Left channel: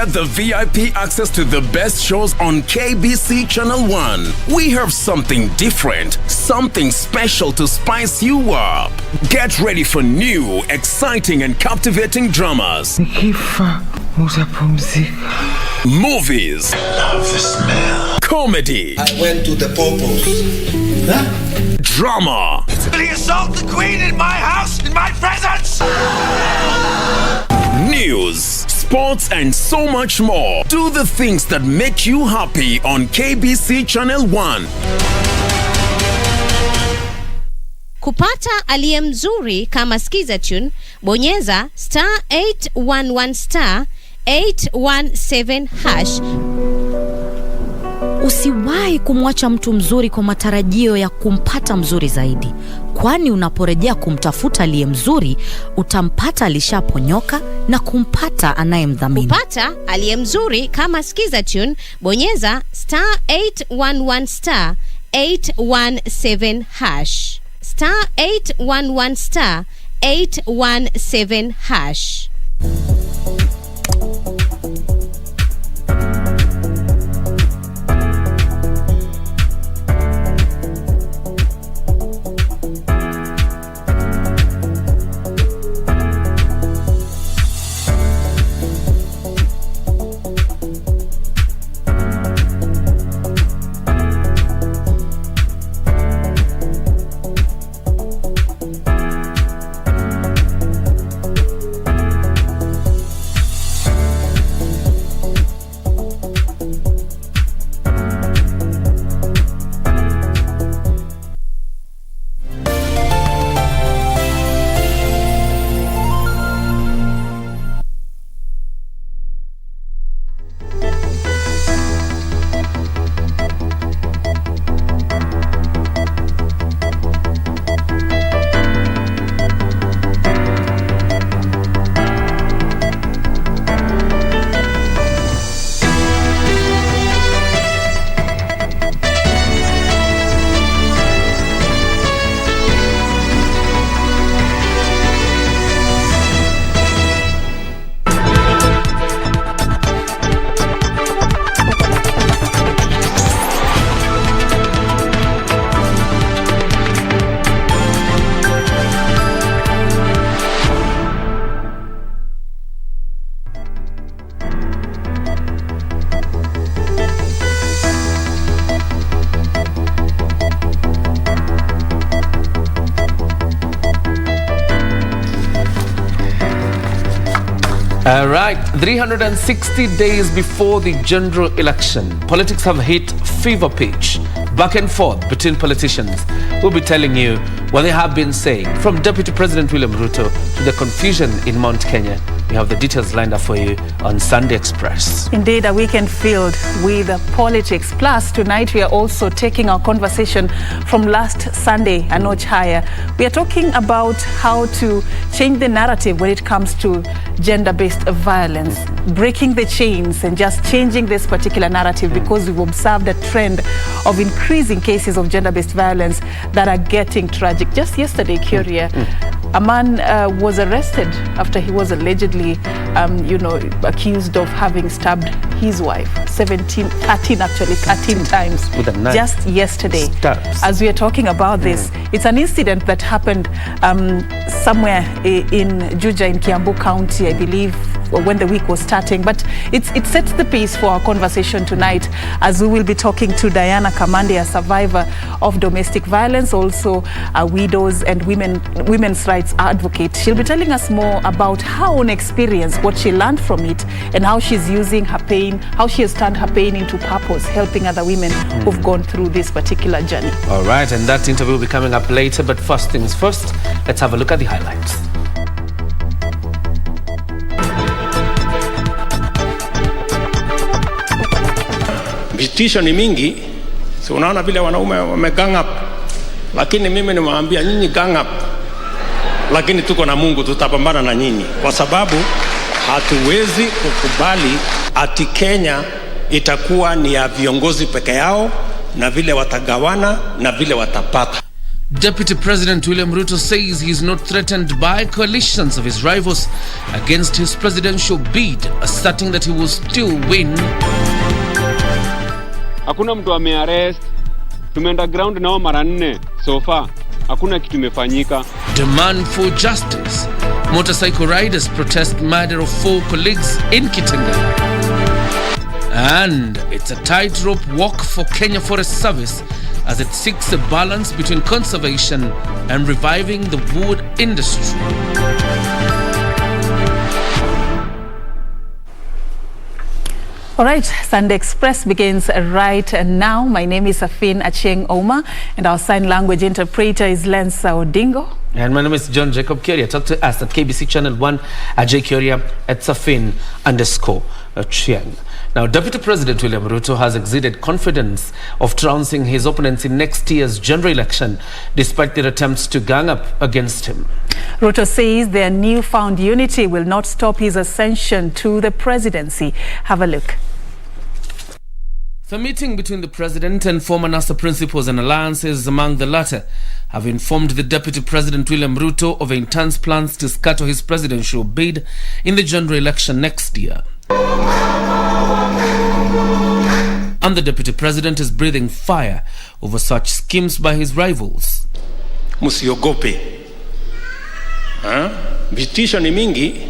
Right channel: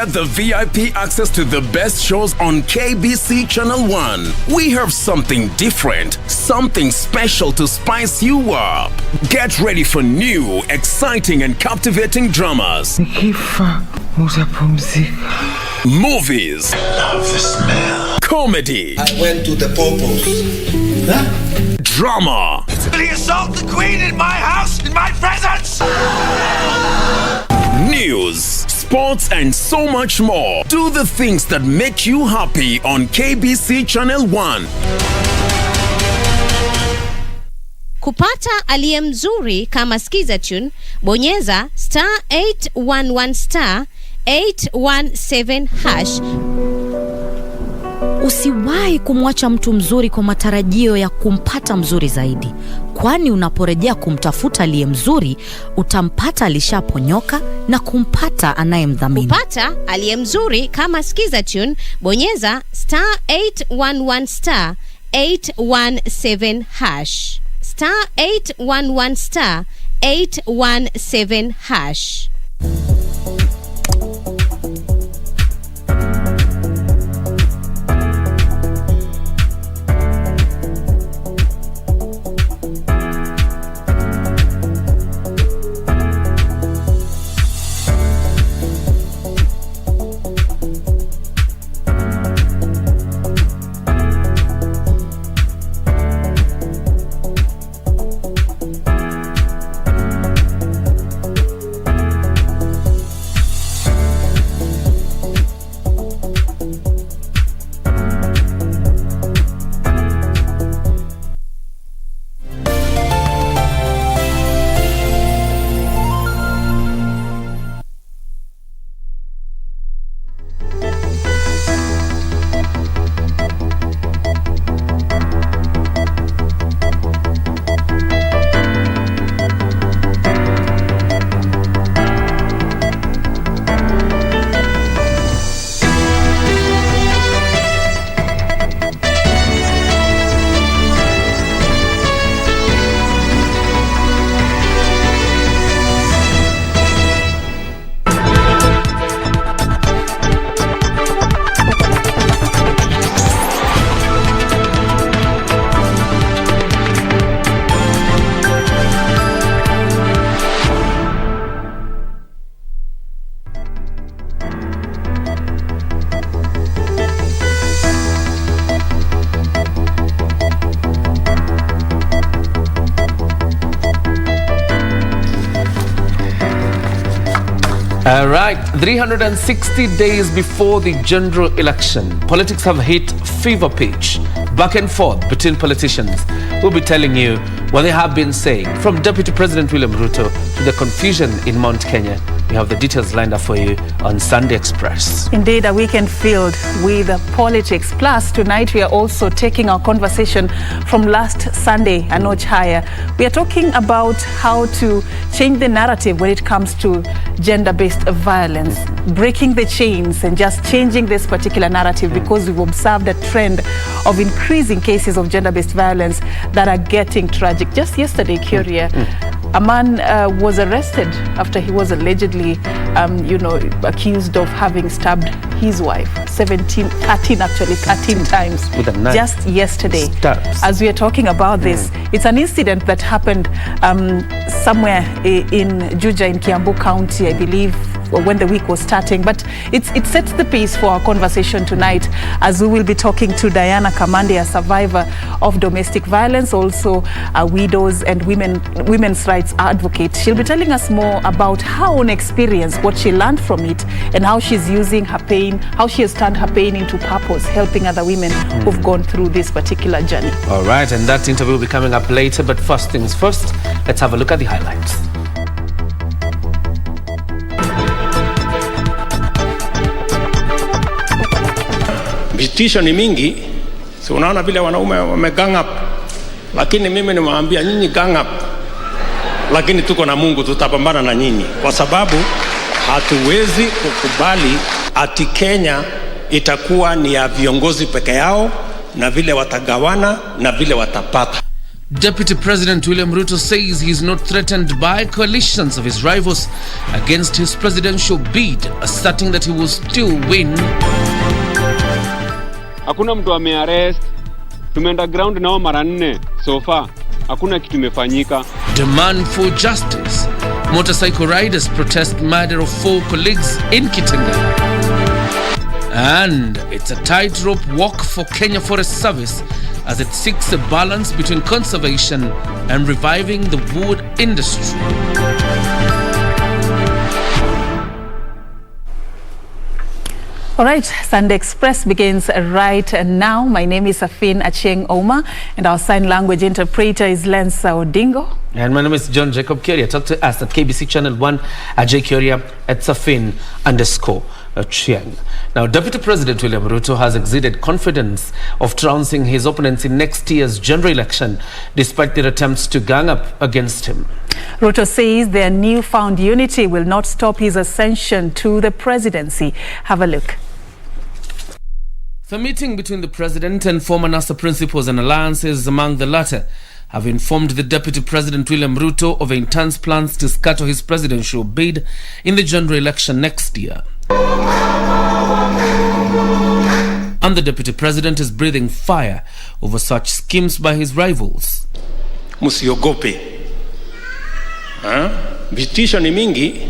get the VIP access to the best shows on KBC Channel 1. We have something different, something special to spice you up. Get ready for new, exciting and captivating dramas. Movies. I love the smell. Comedy. I went to the purpose. Huh? Drama. Did he assault the queen in my house, in my presence? News, sports and so much more. Do the things that make you happy on KBC Channel 1. Kupata aliye mzuri kama skiza tune, bonyeza *811 *817 hash. Usiwahi kumwacha mtu mzuri kwa matarajio ya kumpata mzuri zaidi, kwani unaporejea kumtafuta aliye mzuri utampata alishaponyoka na kumpata anayemdhamini. Kupata aliye mzuri kama skiza tune, bonyeza *811 *817 hash. *811 *817 hash. All right, 360 days before the general election, politics have hit fever pitch, back and forth between politicians. We'll be telling you what they have been saying, from Deputy President William Ruto to the confusion in Mount Kenya. We have the details lined up for you on Sunday Express. Indeed, a weekend filled with politics. Plus, tonight we are also taking our conversation from last Sunday a notch higher. We are talking about how to change the narrative when it comes to gender-based violence, breaking the chains and just changing this particular narrative, because we've observed a trend of increasing cases of gender-based violence that are getting tragic. Just yesterday, Curia, a man was arrested after he was allegedly, accused of having stabbed his wife 13 times. With a knife. Just yesterday. Stabs. As we are talking about this, it's an incident that happened somewhere in Juja in Kiambu County, I believe, when the week was starting. But it sets the pace for our conversation tonight, as we will be talking to Diana Kamande, a survivor of domestic violence, also a widows and women's rights advocate. She'll be telling us more about her own experience, what she learned from it, and how she's using her pain, how she has turned her pain into purpose, helping other women who've gone through this particular journey. All right, and that interview will be coming up later, but first things first, let's have a look at the highlights. Vitisho ni mingi, si unaona vile wanaume wamegang up, lakini mimi nimewaambia nyinyi gang up, lakini tuko na Mungu, tutapambana na nyinyi, kwa sababu hatuwezi kukubali ati Kenya itakuwa ni ya viongozi peke yao na vile watagawana na vile watapata. Deputy President William Ruto says he is not threatened by coalitions of his rivals against his presidential bid, asserting that he will still win. Hakuna mtu amearrest. Tumeenda ground nao mara 4 so far. Hakuna kitu imefanyika. Demand for justice. Motorcycle riders protest murder of 4 colleagues in Kitengela. And it's a tightrope walk for Kenya Forest Service as it seeks a balance between conservation and reviving the wood industry. All right, Sunday Express begins right now. My name is Afin Acheng Oma, and our sign language interpreter is Lensa Odingo. And my name is John Jacob Kyoria. Talk to us at KBC Channel 1 at jkyoria at Safin_Chiang. Now, Deputy President William Ruto has exuded confidence of trouncing his opponents in next year's general election, despite their attempts to gang up against him. Ruto says their newfound unity will not stop his ascension to the presidency. Have a look. The meeting between the president and former NASA principals and alliances among the latter have informed the Deputy President William Ruto of intense plans to scatter his presidential bid in the general election next year. And the Deputy President is breathing fire over such schemes by his rivals. Musiogope. Vitisho ni mingi.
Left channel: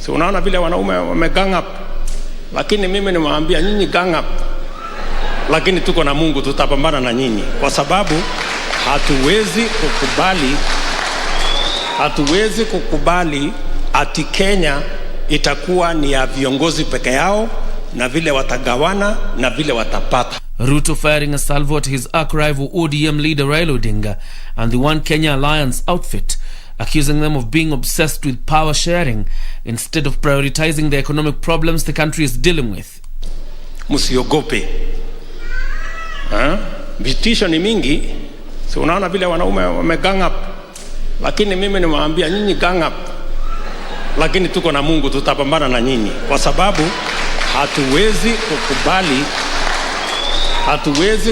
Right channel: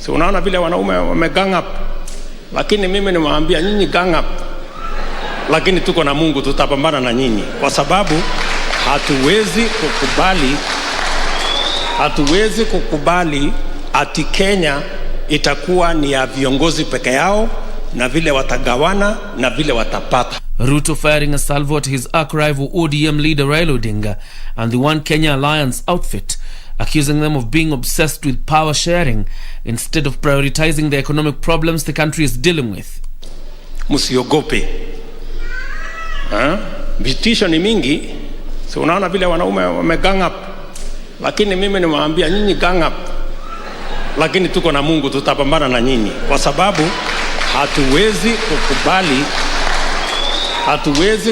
So unaona vile wanaume wamegang up. Lakini mimi nimewaambia nyinyi gang up. Lakini tuko na Mungu, tutapambana na nyinyi. Kwa sababu hatuwezi kukubali ati Kenya itakuwa ni ya viongozi peke yao na vile watagawana na vile watapata. Ruto firing a salvo at his arch-rival ODM leader Raila Odinga and the One Kenya Alliance outfit, accusing them of being obsessed with power sharing instead of prioritizing the economic problems the country is dealing with. Musiogope. Vitisho ni mingi. So unaona vile wanaume wamegang up. Lakini mimi nimewaambia nyinyi gang up. Lakini tuko na Mungu, tutapambana na nyinyi. Kwa sababu hatuwezi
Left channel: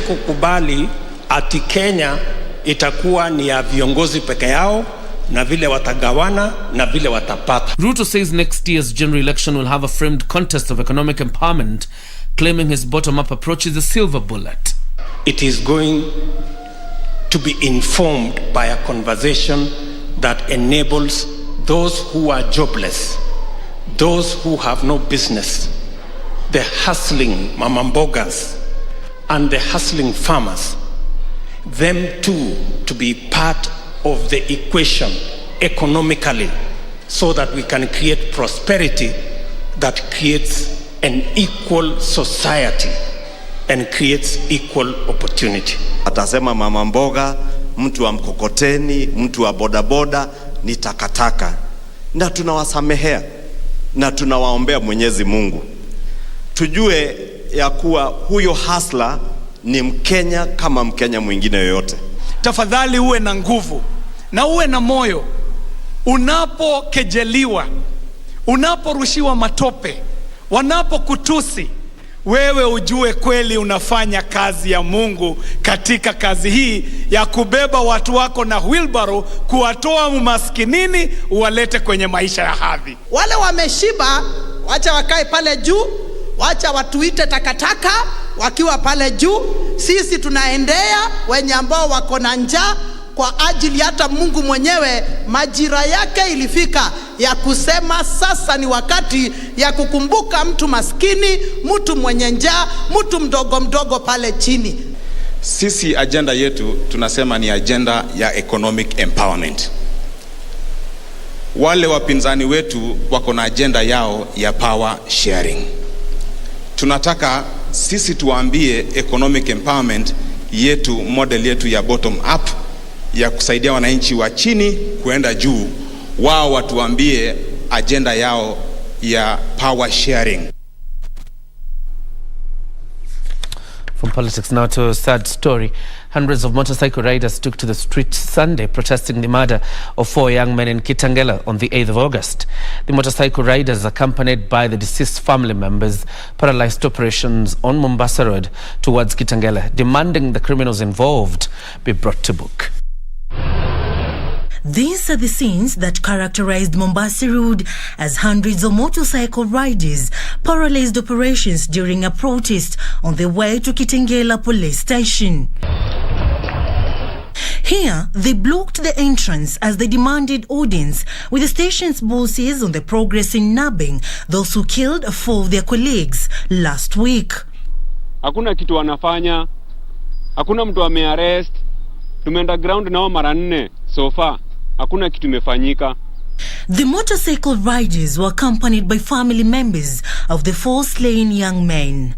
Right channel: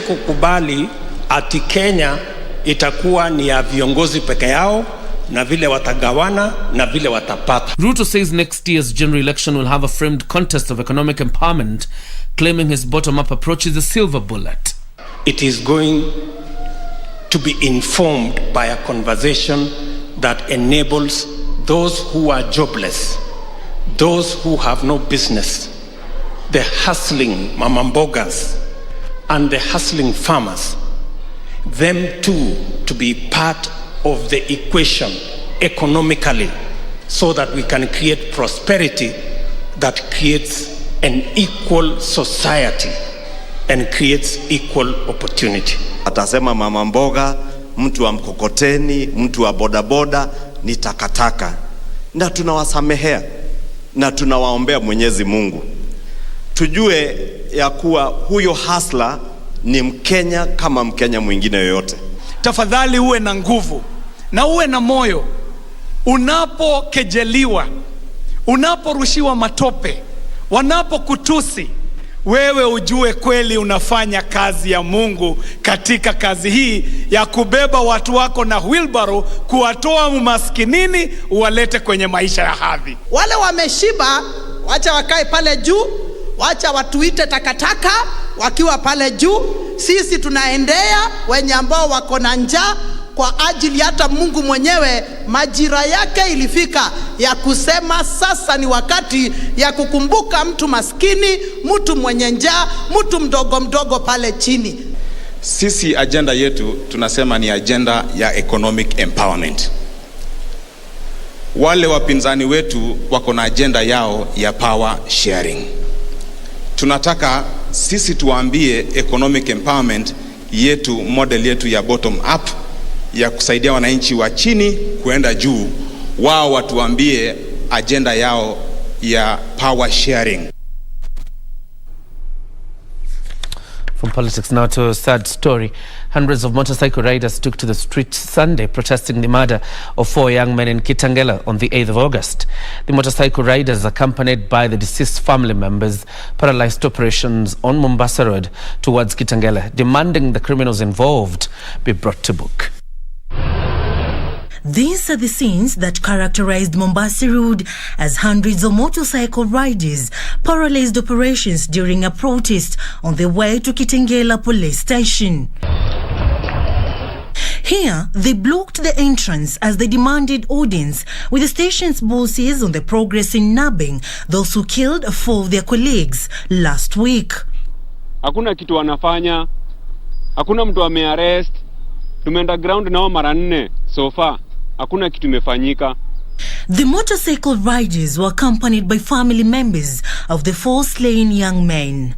kukubali ati Kenya itakuwa ni ya viongozi peke yao na vile watagawana na vile watapata. Ruto says next year's general election will have a framed contest of economic empowerment, claiming his bottom-up approach is a silver bullet. It is going to be informed by a conversation that enables those who are jobless, those who have no business, the hustling mamambogas and the hustling farmers, them too to be part of the equation economically, so that we can create prosperity that creates an equal society and creates equal opportunity. Atasema mama mboga, mtu wa mkokoteni, mtu wa bodaboda ni takataka. Na tunawasamehea na tunawaombea Mwenyezi Mungu. Tujue ya kuwa huyo hustler ni Mkenya kama Mkenya mwingine yoyote. Tafadhali uwe na nguvu na uwe na moyo. Unapokejeliwa, unaporushiwa matope, wanapokutusi, wewe ujue kweli unafanya kazi ya Mungu katika kazi hii ya kubeba watu wako na wheelbarrow, kuwatoa umaskinini uwalete kwenye maisha ya hadhi. Wale wameshiba, wacha wakae pale juu, wacha watuite takataka wakiwa pale juu. Sisi tunaendea wenye ambao wako na njaa, kwa ajili hata Mungu mwenyewe majira yake ilifika ya kusema sasa ni wakati ya kukumbuka mtu maskini, mtu mwenye njaa, mtu mdogo mdogo pale chini. Sisi agenda yetu tunasema ni agenda ya economic empowerment. Wale wapinzani wetu wako na agenda yao ya power sharing. Tunataka sisi tuambie economic empowerment yetu, model yetu ya bottom up, ya kusaidia wananchi wa chini kuenda juu. Wao watuambie agenda yao ya power sharing. From politics now to a sad story. Hundreds of motorcycle riders took to the streets Sunday protesting the murder of 4 young men in Kitengela on the 8th of August. The motorcycle riders, accompanied by the deceased family members, paralyzed operations on Mombasa Road towards Kitengela, demanding the criminals involved be brought to book. These are the scenes that characterized Mombasa Road as hundreds of motorcycle riders paralyzed operations during a protest on their way to Kitengela police station. Here, they blocked the entrance as they demanded audience with the station's bosses on the progress in nabbing those who killed 4 of their colleagues last week. Hakuna kitu wanafanya, hakuna mtu amearrest, tumeenda ground nao mara 4 so far, hakuna kitu imefanyika. The motorcycle riders were accompanied by family members of the 4 slain young men.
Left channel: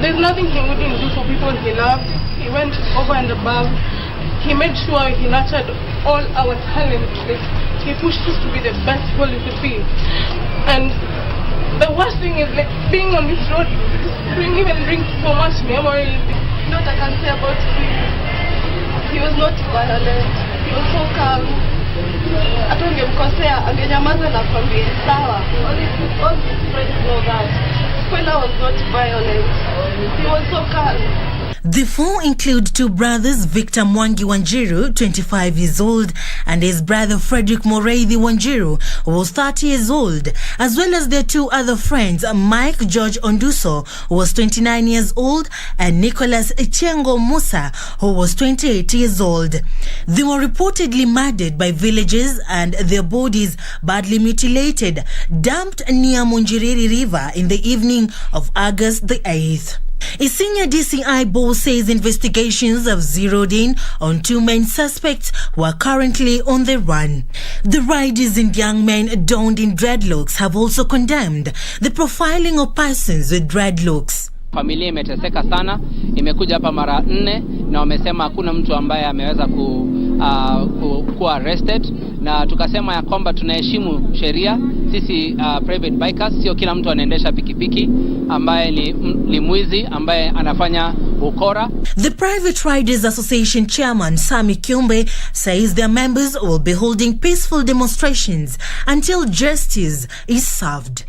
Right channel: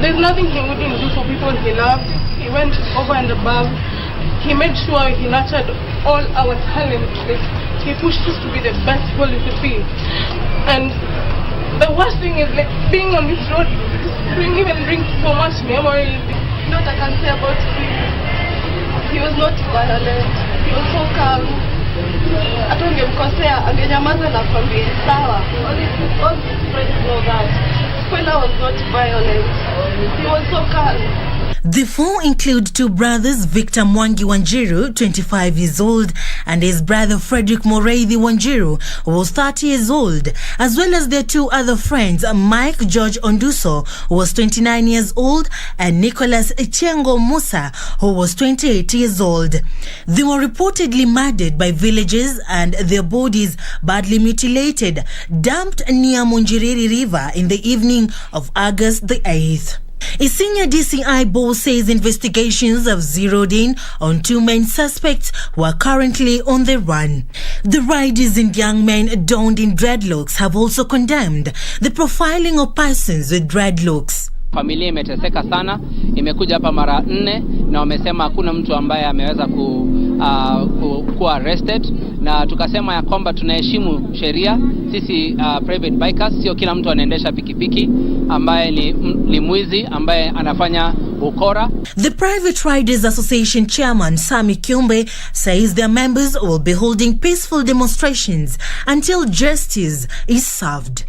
There's nothing he wouldn't do for people he loved. He went over and above. He made sure he nurtured all our talent. He pushed us to be the best people we could be. And the worst thing is being on this road even brings so much memories. What I can say about him, he was not violent. He was so calm. Hata ungemkosea angenyamaza na kwambia sawa. All his friends know that. Kwela was not violent. He was so calm. The 4 include 2 brothers, Victor Mwangi Wanjiru, 25 years old, and his brother Frederick Moreithi Wanjiru, who was 30 years old, as well as their 2 other friends, Mike George Onduso, who was 29 years old, and Nicholas Ichengo Musa, who was 28 years old. They were reportedly murdered by villagers and their bodies badly mutilated, dumped near Munjiriri River in the evening of August the 8th. A senior DCI boss says investigations have zeroed in on 2 main suspects who are currently on the run. The riders and young men donned in dreadlocks have also condemned the profiling of persons with dreadlocks. Familia imeteseka sana, imekuja hapa mara 4 na wamesema hakuna mtu ambaye ameweza kuwa arrested, na tukasema ya kwamba tunaheshimu sheria. Sisi private bikers, sio kila mtu anaendesha pikipiki ambaye ni mwizi ambaye anafanya ukora. The Private Riders Association chairman Sami Kiumbe says their members will be holding peaceful demonstrations until justice is served.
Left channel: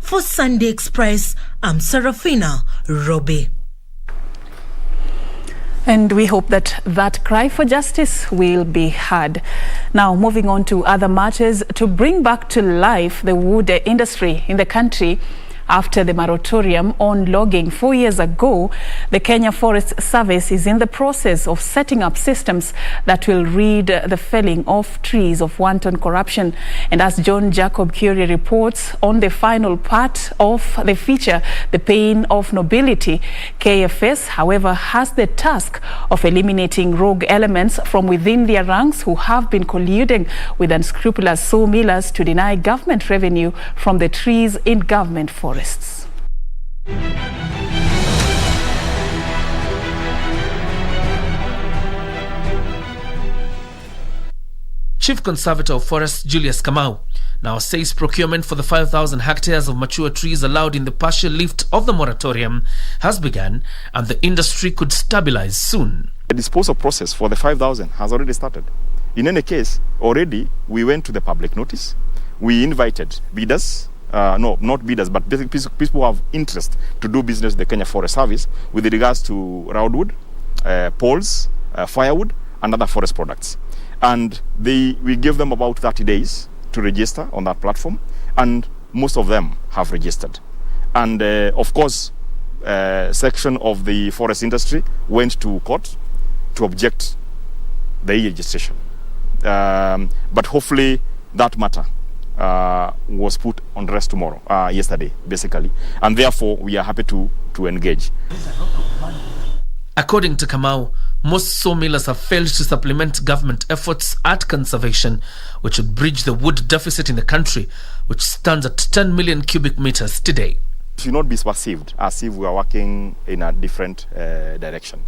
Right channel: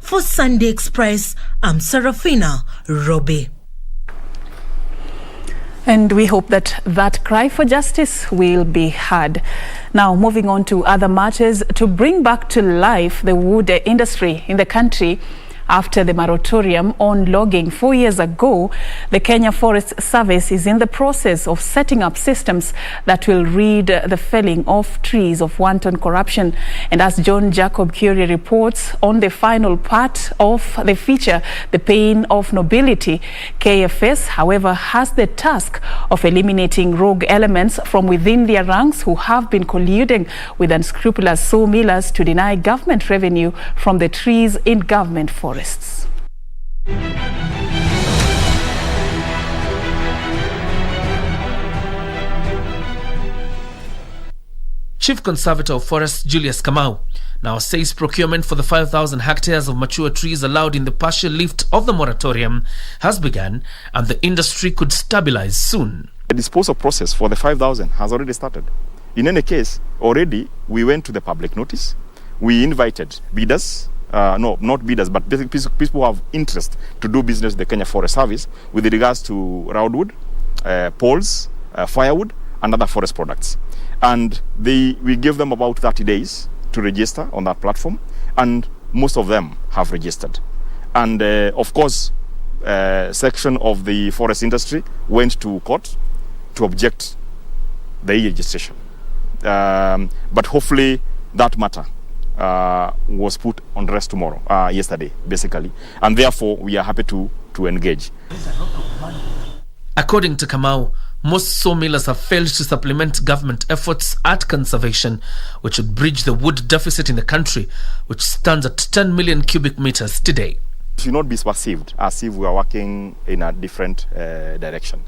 For Sunday Express, I'm Serafina Robi. And we hope that that cry for justice will be heard. Now, moving on to other matters, to bring back to life the wood industry in the country. After the moratorium on logging 4 years ago, the Kenya Forest Service is in the process of setting up systems that will rid the felling of trees of wanton corruption. And as John Jacob Curie reports on the final part of the feature, The Pain of Nobility, KFS, however, has the task of eliminating rogue elements from within their ranks who have been colluding with unscrupulous sawmillers to deny government revenue from the trees in government forests. Chief Conservator of Forests Julius Kamau now says procurement for the 5,000 hectares of mature trees allowed in the partial lift of the moratorium has begun and the industry could stabilize soon. The disposal process for the 5,000 has already started. In any case, already we went to the public notice. We invited bidders, not bidders, but people who have interest to do business with the Kenya Forest Service with regards to roundwood, poles, firewood, and other forest products. And we give them about 30 days to register on that platform, and most of them have registered. And of course, section of the forest industry went to court to object the registration. But hopefully that matter was put on rest yesterday, basically. And therefore, we are happy to engage. According to Kamau, most sawmillers have failed to supplement government efforts at conservation, which would bridge the wood deficit in the country, which stands at 10 million cubic meters today. It should not be perceived as if we are working in a different direction.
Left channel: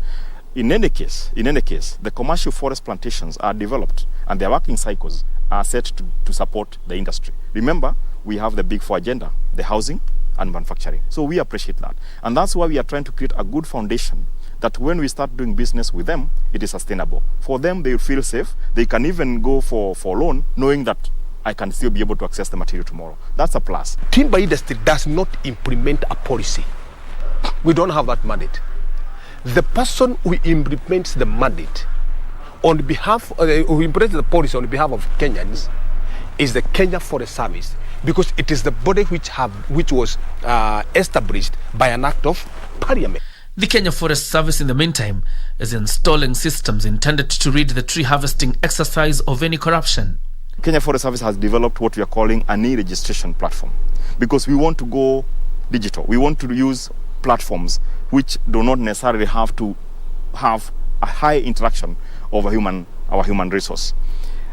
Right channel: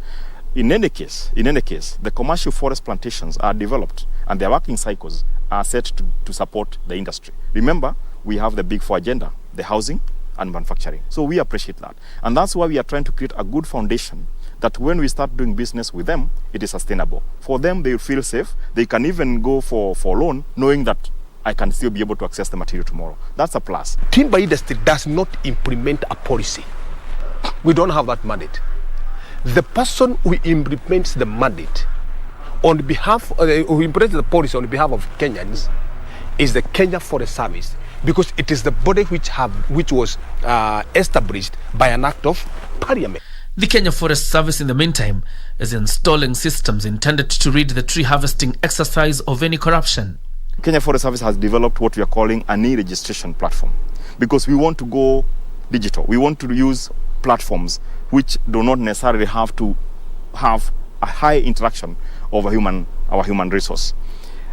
In any case, the commercial forest plantations are developed and their working cycles are set to support the industry. Remember, we have the Big Four agenda, the housing and manufacturing. So we appreciate that. And that's why we are trying to create a good foundation that when we start doing business with them, it is sustainable. For them, they feel safe. They can even go for loan, knowing that I can still be able to access the material tomorrow. That's a plus. Timber industry does not implement a policy. We don't have that mandate. The person who implements the mandate on behalf, who implemented the policy on behalf of Kenyans is the Kenya Forest Service, because it is the body which was established by an act of parliament. The Kenya Forest Service, in the meantime, is installing systems intended to rid the tree harvesting exercise of any corruption. Kenya Forest Service has developed what we are calling an e-registration platform, because we want to go digital. We want to use platforms which do not necessarily have to have a high interaction of our human resource.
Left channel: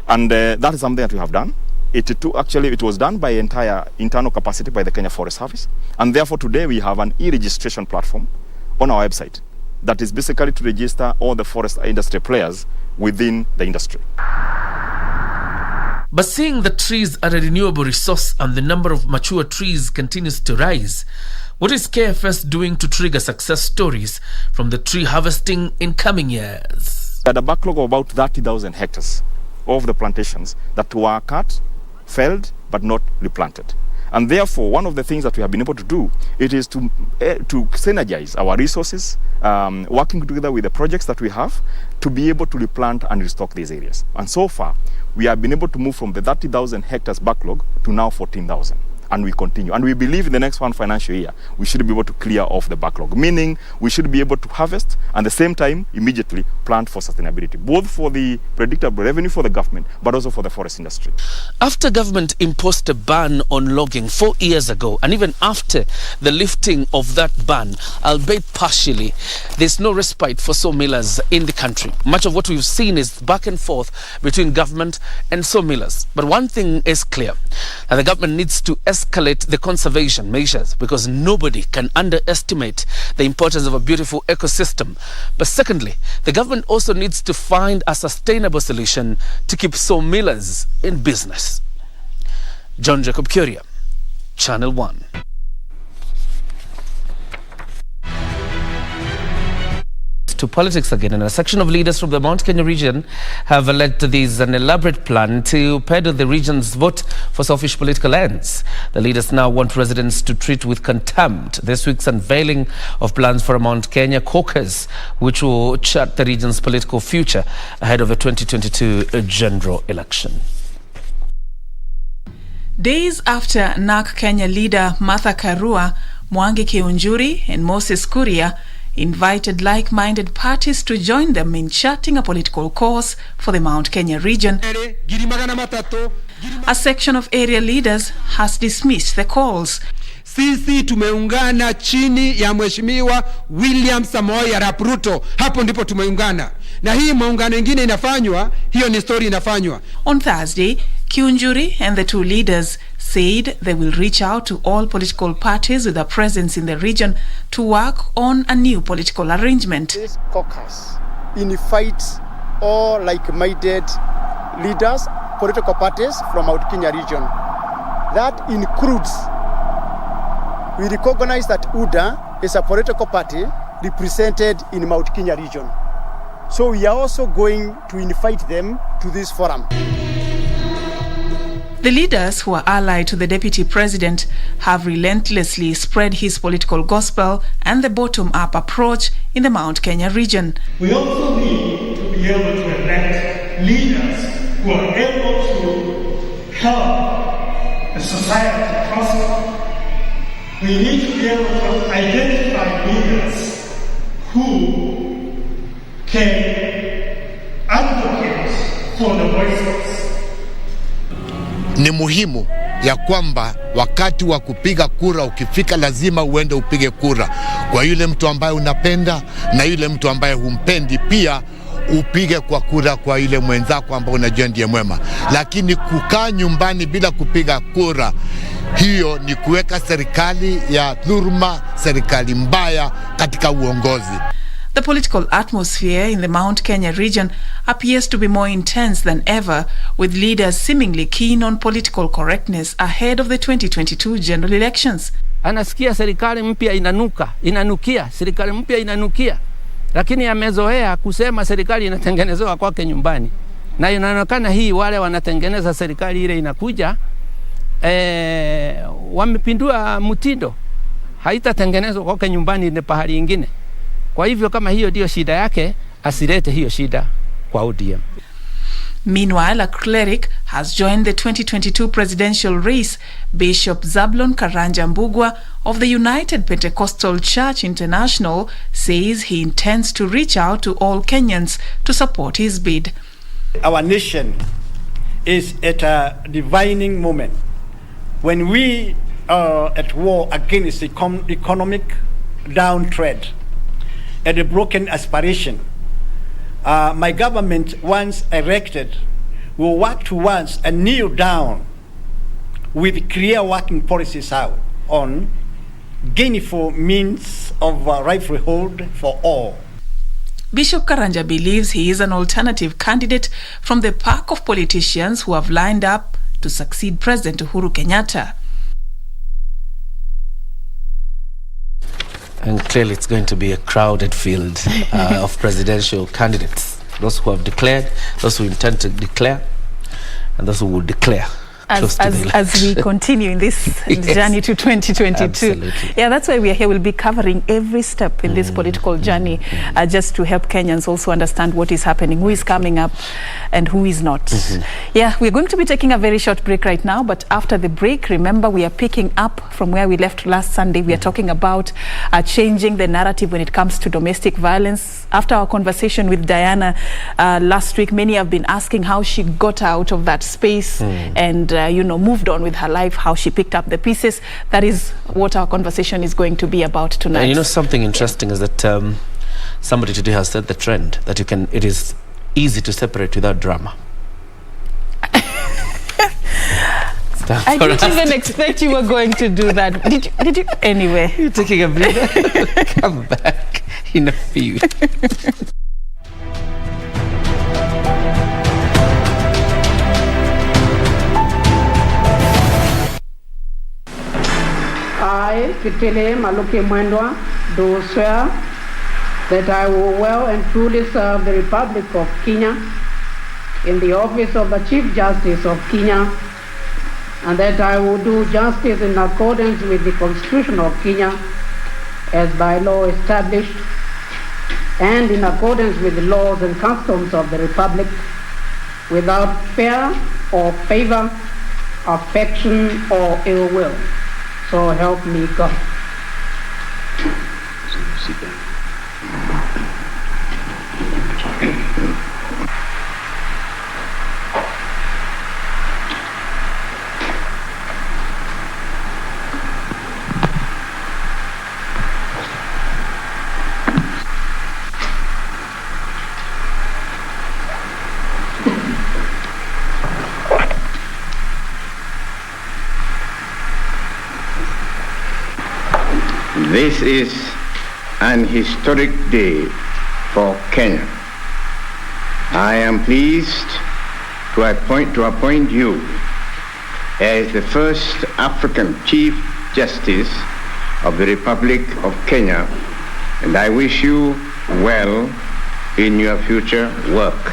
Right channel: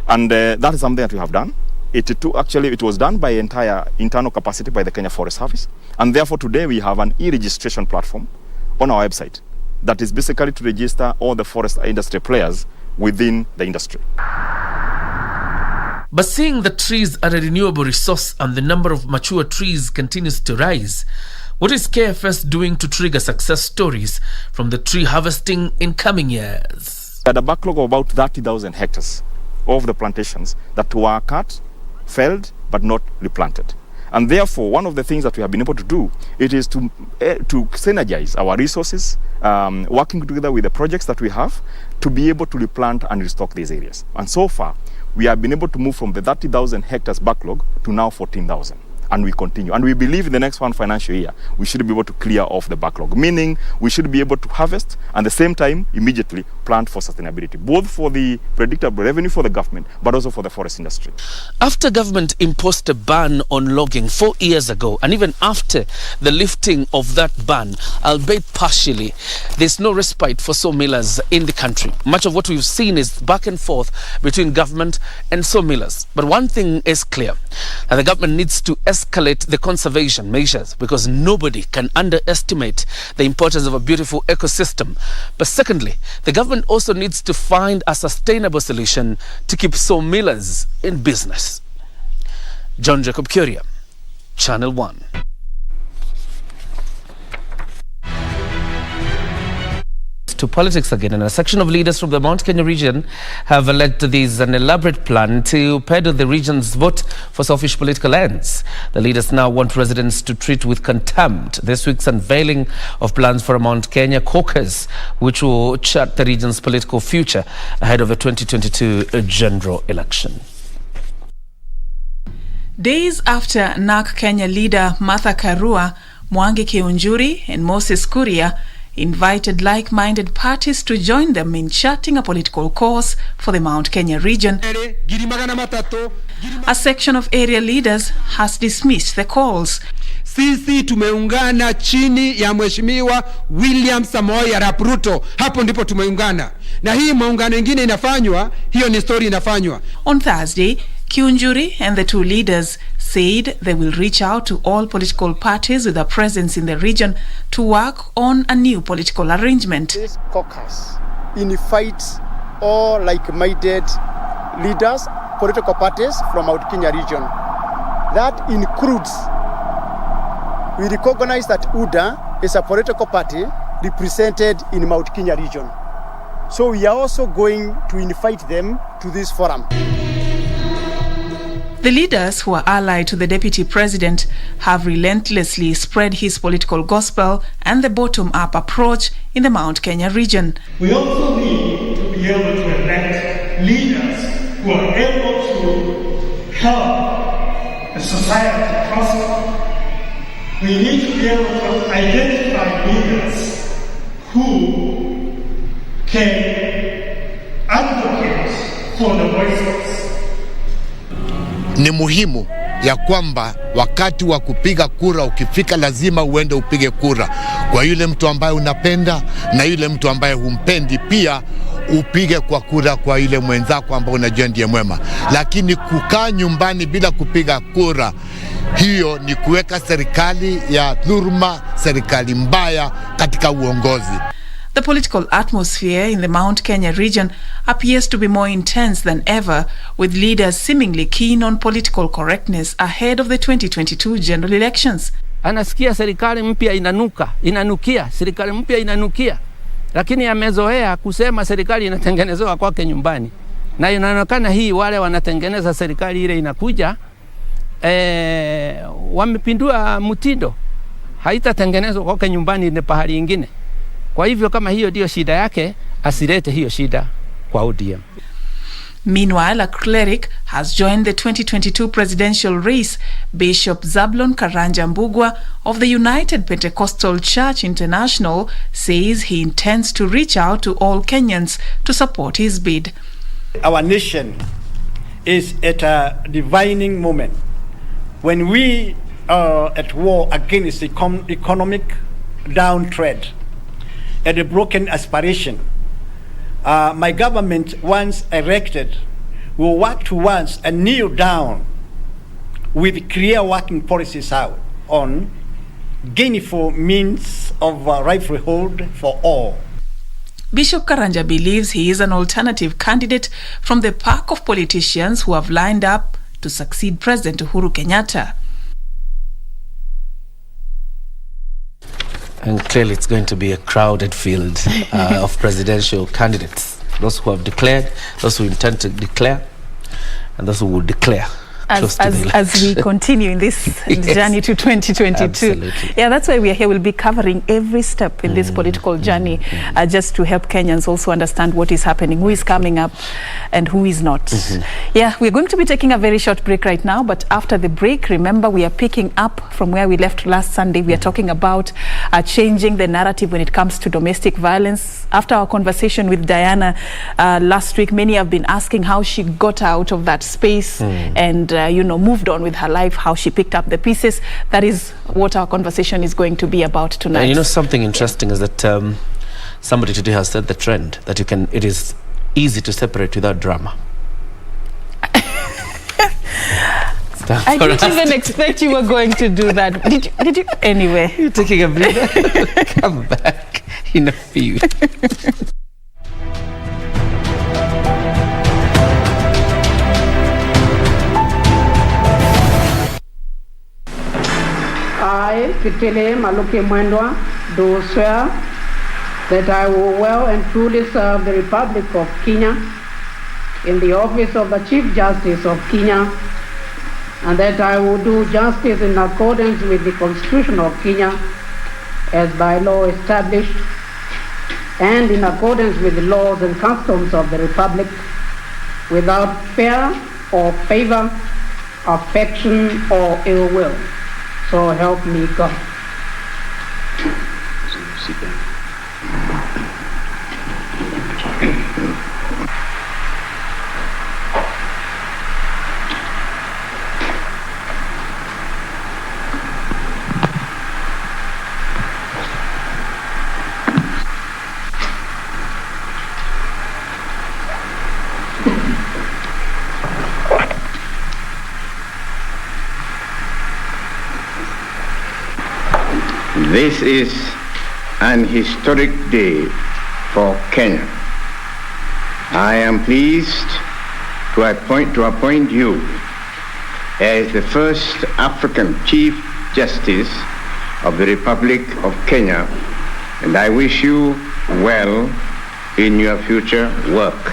And that is something that we have done. It was done by entire internal capacity by the Kenya Forest Service. And therefore today we have an e-registration platform on our website that is basically to register all the forest industry players within the industry. But seeing that trees are a renewable resource and the number of mature trees continues to rise, what is KFS doing to trigger success stories from the tree harvesting in coming years? We had a backlog of about 30,000 hectares of the plantations that were cut, felled, but not replanted. And therefore, one of the things that we have been able to do, it is to synergize our resources, working together with the projects that we have to be able to replant and restock these areas. And so far, we have been able to move from the 30,000 hectares backlog to now 14,000. And we continue. And we believe in the next one financial year, we should be able to clear off the backlog, meaning we should be able to harvest and at the same time immediately plant for sustainability, both for the predictable revenue for the government, but also for the forest industry. After government imposed a ban on logging 4 years ago, and even after the lifting of that ban, albeit partially, there's no respite for sawmillers in the country. Much of what we've seen is back and forth between government and sawmillers. But one thing is clear, that the government needs to escalate the conservation measures, because nobody can underestimate the importance of a beautiful ecosystem. But secondly, the government also needs to find a sustainable solution to keep sawmillers in business. John Jacob Curia, Channel 1. To politics again, and a section of leaders from the Mount Kenya region have alleged this an elaborate plan to peddle the region's vote for selfish political ends. The leaders now want residents to treat with contempt this week's unveiling of plans for a Mount Kenya caucus, which will chart the region's political future ahead of the 2022 general election. Days after NARC Kenya leader Martha Karua, Mwangi Kiunjuri and Moses Kuria invited like-minded parties to join them in charting a political course for the Mount Kenya region, a section of area leaders has dismissed the calls. Sisi tumeungana chini ya Mheshimiwa William Samoei Arap Ruto. Hapo ndipo tumeungana. Na hii maungano ingine inafanywa, hiyo ni story inafanywa. On Thursday, Kiunjuri and the two leaders said they will reach out to all political parties with a presence in the region to work on a new political arrangement. This caucus invites all like-minded leaders, political parties from Mount Kenya region. That includes, we recognize that UDA is a political party represented in Mount Kenya region. So we are also going to invite them to this forum. The leaders, who are allied to the deputy president, have relentlessly spread his political gospel and the bottom-up approach in the Mount Kenya region. We also need to be able to elect leaders who are able to help the society prosper. We need to be able to identify leaders who can advocate for the voiceless. Ni muhimu ya kwamba wakati wa kupiga kura ukifika, lazima uende upige kura kwa yule mtu ambaye unapenda na yule mtu ambaye humpendi pia upige kwa kura kwa yule mwenzako ambaye unajua ndiye mwema. Lakini kukaa nyumbani bila kupiga kura, hiyo ni kuweka serikali ya dhuluma, serikali mbaya katika uongozi. The political atmosphere in the Mount Kenya region appears to be more intense than ever, with leaders seemingly keen on political correctness ahead of the 2022 general elections. Anasikia serikali mpya inanukia, serikali mpya inanukia, lakini amezoea kusema serikali inatengenezewa kwake nyumbani. Na inaonekana hii wale wanatengeneza serikali ile inakuja, wamepindua mtindo, haitatengenezwa kwake nyumbani, ni pahali ingine. Kwa hivyo kama hiyo ndio shida yake, asilete hiyo shida. kwa ODM. Meanwhile, a cleric has joined the 2022 presidential race. Bishop Zablon Karanja Mbugwa of the United Pentecostal Church International says he intends to reach out to all Kenyans to support his bid. Our nation is at a divining moment when we are at war against economic downtrend and a broken aspiration. My government, once erected, will work towards a kneel down with clear working policies out on gainful means of livelihood for all. Bishop Karanja believes he is an alternative candidate from the pack of politicians who have lined up to succeed President Uhuru Kenyatta. And clearly it's going to be a crowded field of presidential candidates. Those who have declared, those who intend to declare, and those who will declare. As we continue in this Yes. journey to 2022. Absolutely. Yeah, that's why we are here. We'll be covering every step in this political journey, just to help Kenyans also understand what is happening, who is coming up and who is not. Yeah, we're going to be taking a very short break right now, but after the break, remember, we are picking up from where we left last Sunday. We are talking about changing the narrative when it comes to domestic violence. After our conversation with Diana last week, many have been asking how she got out of that space and moved on with her life, how she picked up the pieces. That is what our conversation is going to be about tonight. And something interesting is that somebody today has said the trend that it is easy to separate without drama. I didn't even expect you were going to do that. Did you? Anyway. You're taking a breather. Come back in a few. I, Kitile Maluke Mwendwa, do swear that I will well and truly serve the Republic of Kenya in the office of the Chief Justice of Kenya, and that I will do justice in accordance with the Constitution of Kenya as by law established, and in accordance with the laws and customs of the Republic, without fear or favor, affection or ill will. So help me God. This is an historic day for Kenya. I am pleased to appoint you as the first African Chief Justice of the Republic of Kenya, and I wish you well in your future work.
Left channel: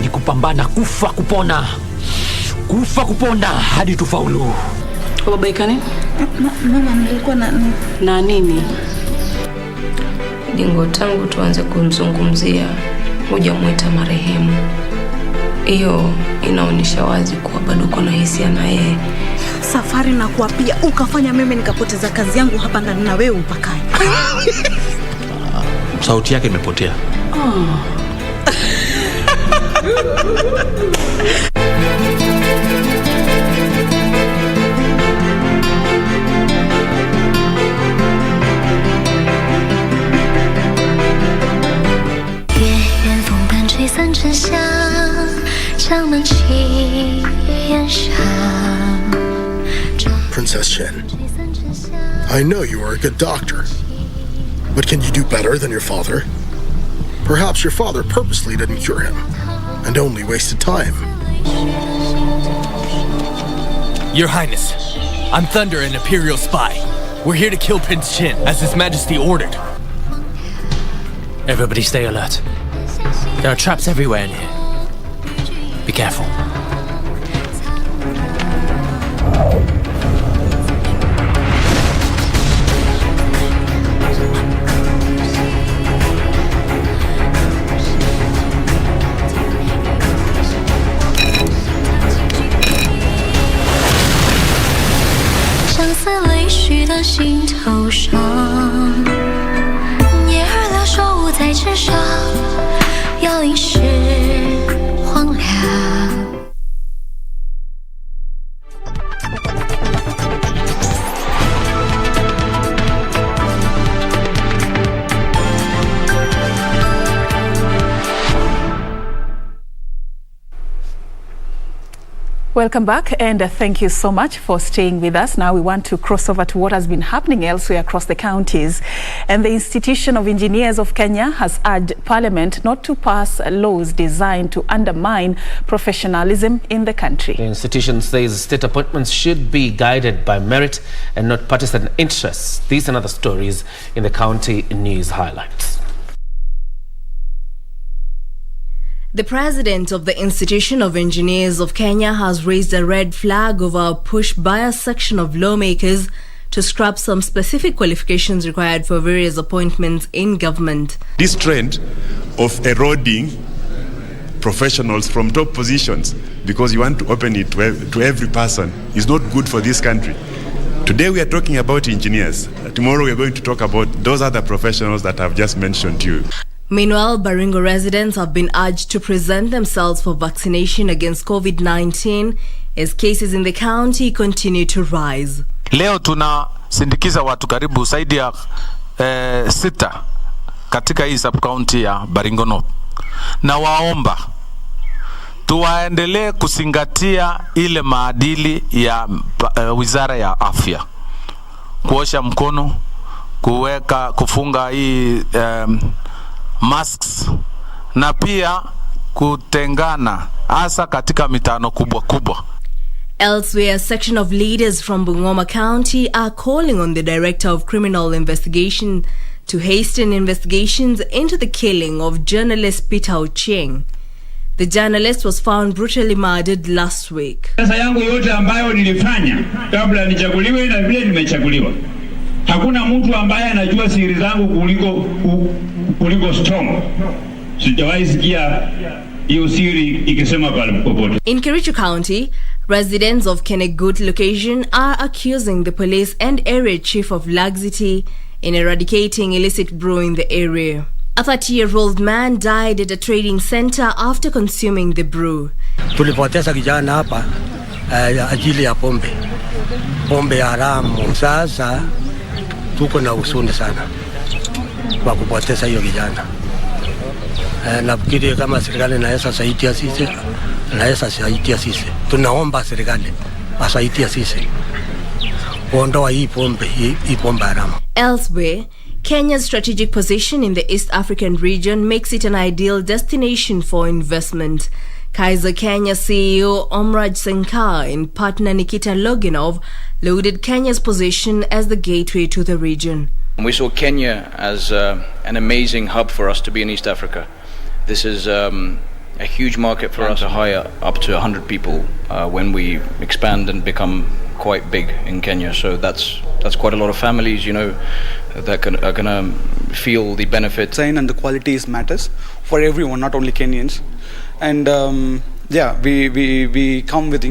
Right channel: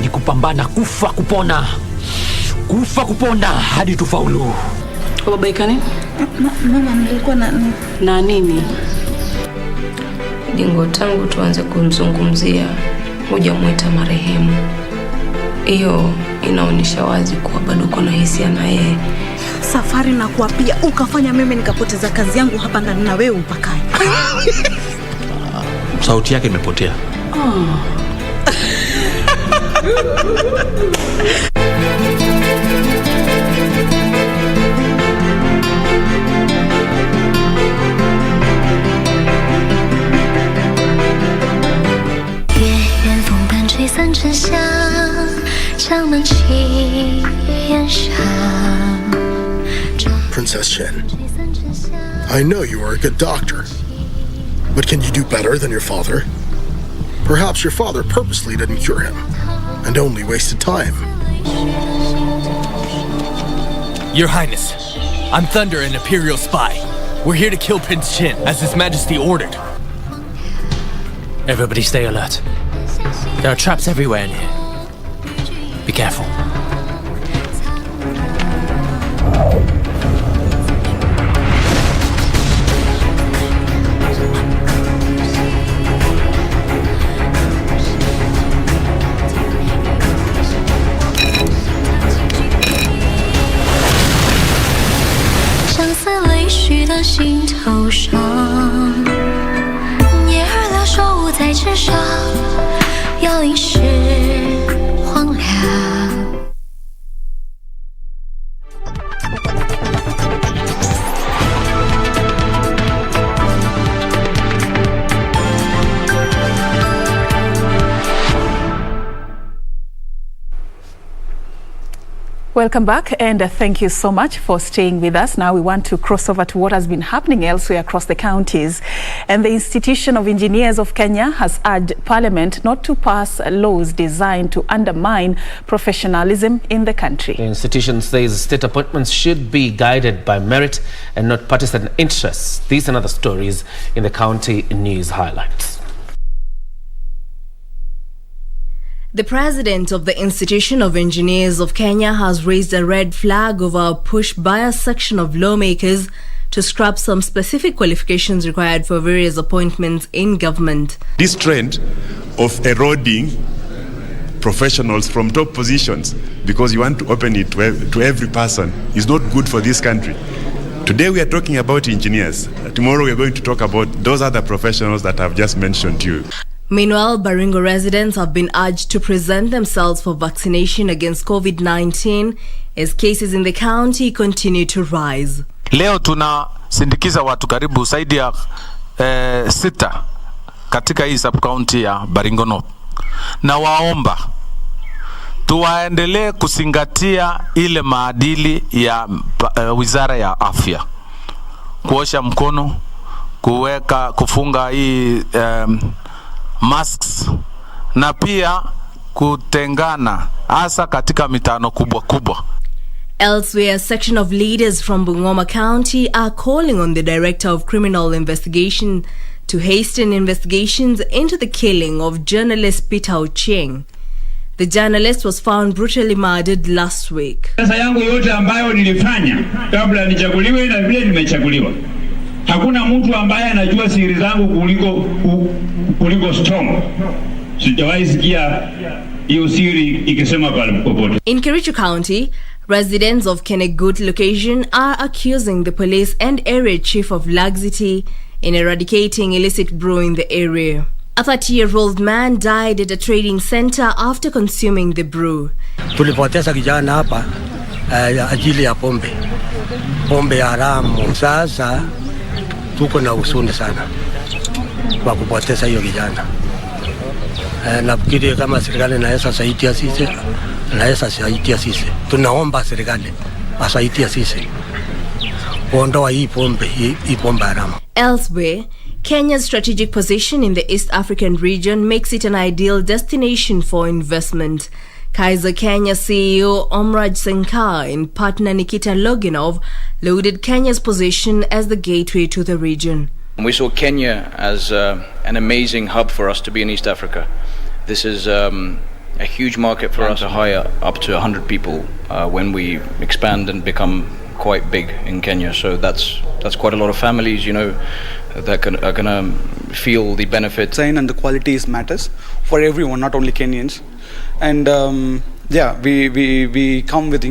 Ni kupambana, kufa kupona, kufa kupona hadi tufaulu. Babaika nini? Mama, nilikuwa na nini? Dingo, tangu tuanze kumzungumzia hujamwita marehemu. Hiyo inaonyesha wazi kuwa bado kuna hisia na yeye. Safari na kuapia ukafanya mimi nikapoteza kazi yangu hapa ndani na wewe upakae. Sauti yake imepotea. Princess Chen, I know you are a good doctor, but can you do better than your father? Perhaps your father purposely didn't cure him and only wasted time. Your Highness, I'm Thunder, an Imperial spy. We're here to kill Prince Chin, as His Majesty ordered. Everybody stay alert. There are traps everywhere in here. Be careful. Welcome back, and thank you so much for staying with us. Now we want to cross over to what has been happening elsewhere across the counties. And the Institution of Engineers of Kenya has urged Parliament not to pass laws designed to undermine professionalism in the country. The institution says state appointments should be guided by merit and not partisan interests. These and other stories in the county news highlights. The president of the Institution of Engineers of Kenya has raised a red flag over a push by a section of lawmakers to scrap some specific qualifications required for various appointments in government. This trend of eroding professionals from top positions because you want to open it to every person is not good for this country. Today we are talking about engineers. Tomorrow we are going to talk about those other professionals that I've just mentioned to you. Meanwhile, Baringo residents have been urged to present themselves for vaccination against COVID-19 as cases in the county continue to rise. Leo tunasindikiza watu karibu zaidi ya 6 katika hii sub-county ya Baringo North. Na waomba tuwaendelee kuzingatia ile maadili ya Wizara ya Afya. Kuosha mkono, kufunga hii masks na pia kutengana hasa katika mitano kubwa kubwa. Elsewhere, a section of leaders from Bungoma County are calling on the Director of Criminal Investigation to hasten investigations into the killing of journalist Peter Ochieng. The journalist was found brutally murdered last week. Sasa yangu yote ambayo nilifanya kabla nichaguliwe na vile nimechaguliwa. Hakuna mtu ambaye anajua siri zangu kuliko Storm. Sijawahi sikia hiyo siri ikisema popote. In Kericho County, residents of Kenegut location are accusing the police and area chief of laxity in eradicating illicit brew in the area. A 30-year-old man died at a trading center after consuming the brew. Tulipoteza kijana hapa ajili ya pombe haramu. Sasa tuko na huzuni sana kwa kupoteza hiyo kijana. Nafikiri kama serikali inaweza saidia sisi. Tunaomba serikali asaidia sisi kuondoa hii pombe haramu. Elsewhere, Kenya's strategic position in the East African region makes it an ideal destination for investment. Kaiser Kenya CEO Omraj Senkar and partner Nikita Loginov lauded Kenya's position as the gateway to the region. We saw Kenya as an amazing hub for us to be in East Africa. This is a huge market for us to hire up to 100 people when we expand and become quite big in Kenya. So that's quite a lot of families, you know, that are going to feel the benefits. And the qualities matters for everyone, not only Kenyans. And yeah, we come with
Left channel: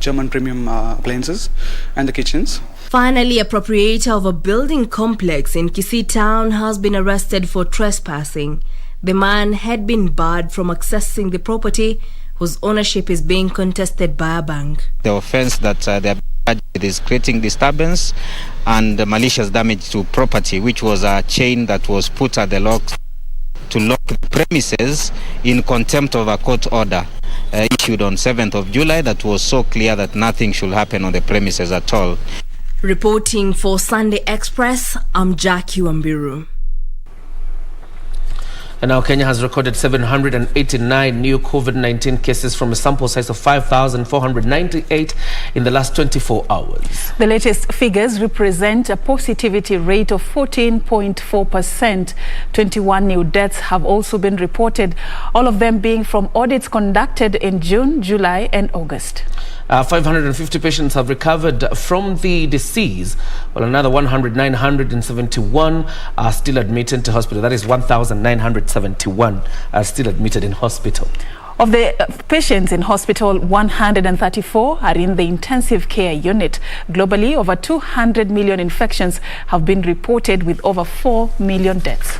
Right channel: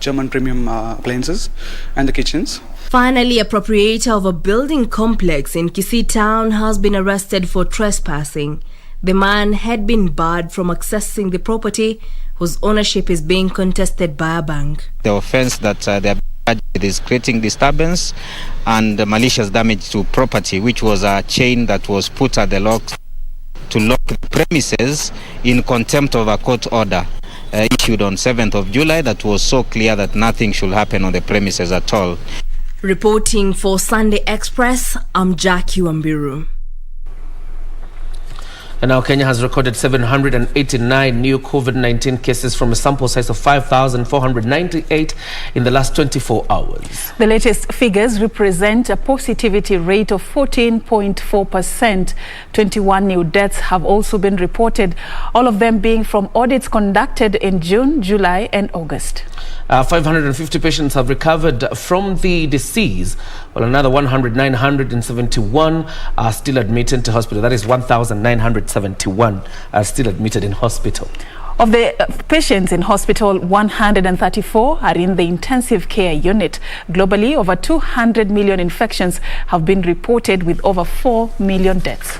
German premium appliances and the kitchens. Finally, a proprietor of a building complex in Kisii town has been arrested for trespassing. The man had been barred from accessing the property whose ownership is being contested by a bank. The offense that they are charged with is creating disturbance and malicious damage to property, which was a chain that was put at the locks to lock the premises in contempt of a court order issued on 7th of July that was so clear that nothing should happen on the premises at all. Reporting for Sunday Express, I'm Jackie Wambiru. And now Kenya has recorded 789 new COVID-19 cases from a sample size of 5,498 in the last 24 hours. The latest figures represent a positivity rate of 14.4%. 21 new deaths have also been reported, all of them being from audits conducted in June, July and August. 550 patients have recovered from the disease, while another 1,971 are still admitted to hospital. That is 1,971 are still admitted in hospital. Of the patients in hospital, 134 are in the intensive care unit. Globally, over 200 million infections have been reported, with over 4 million deaths.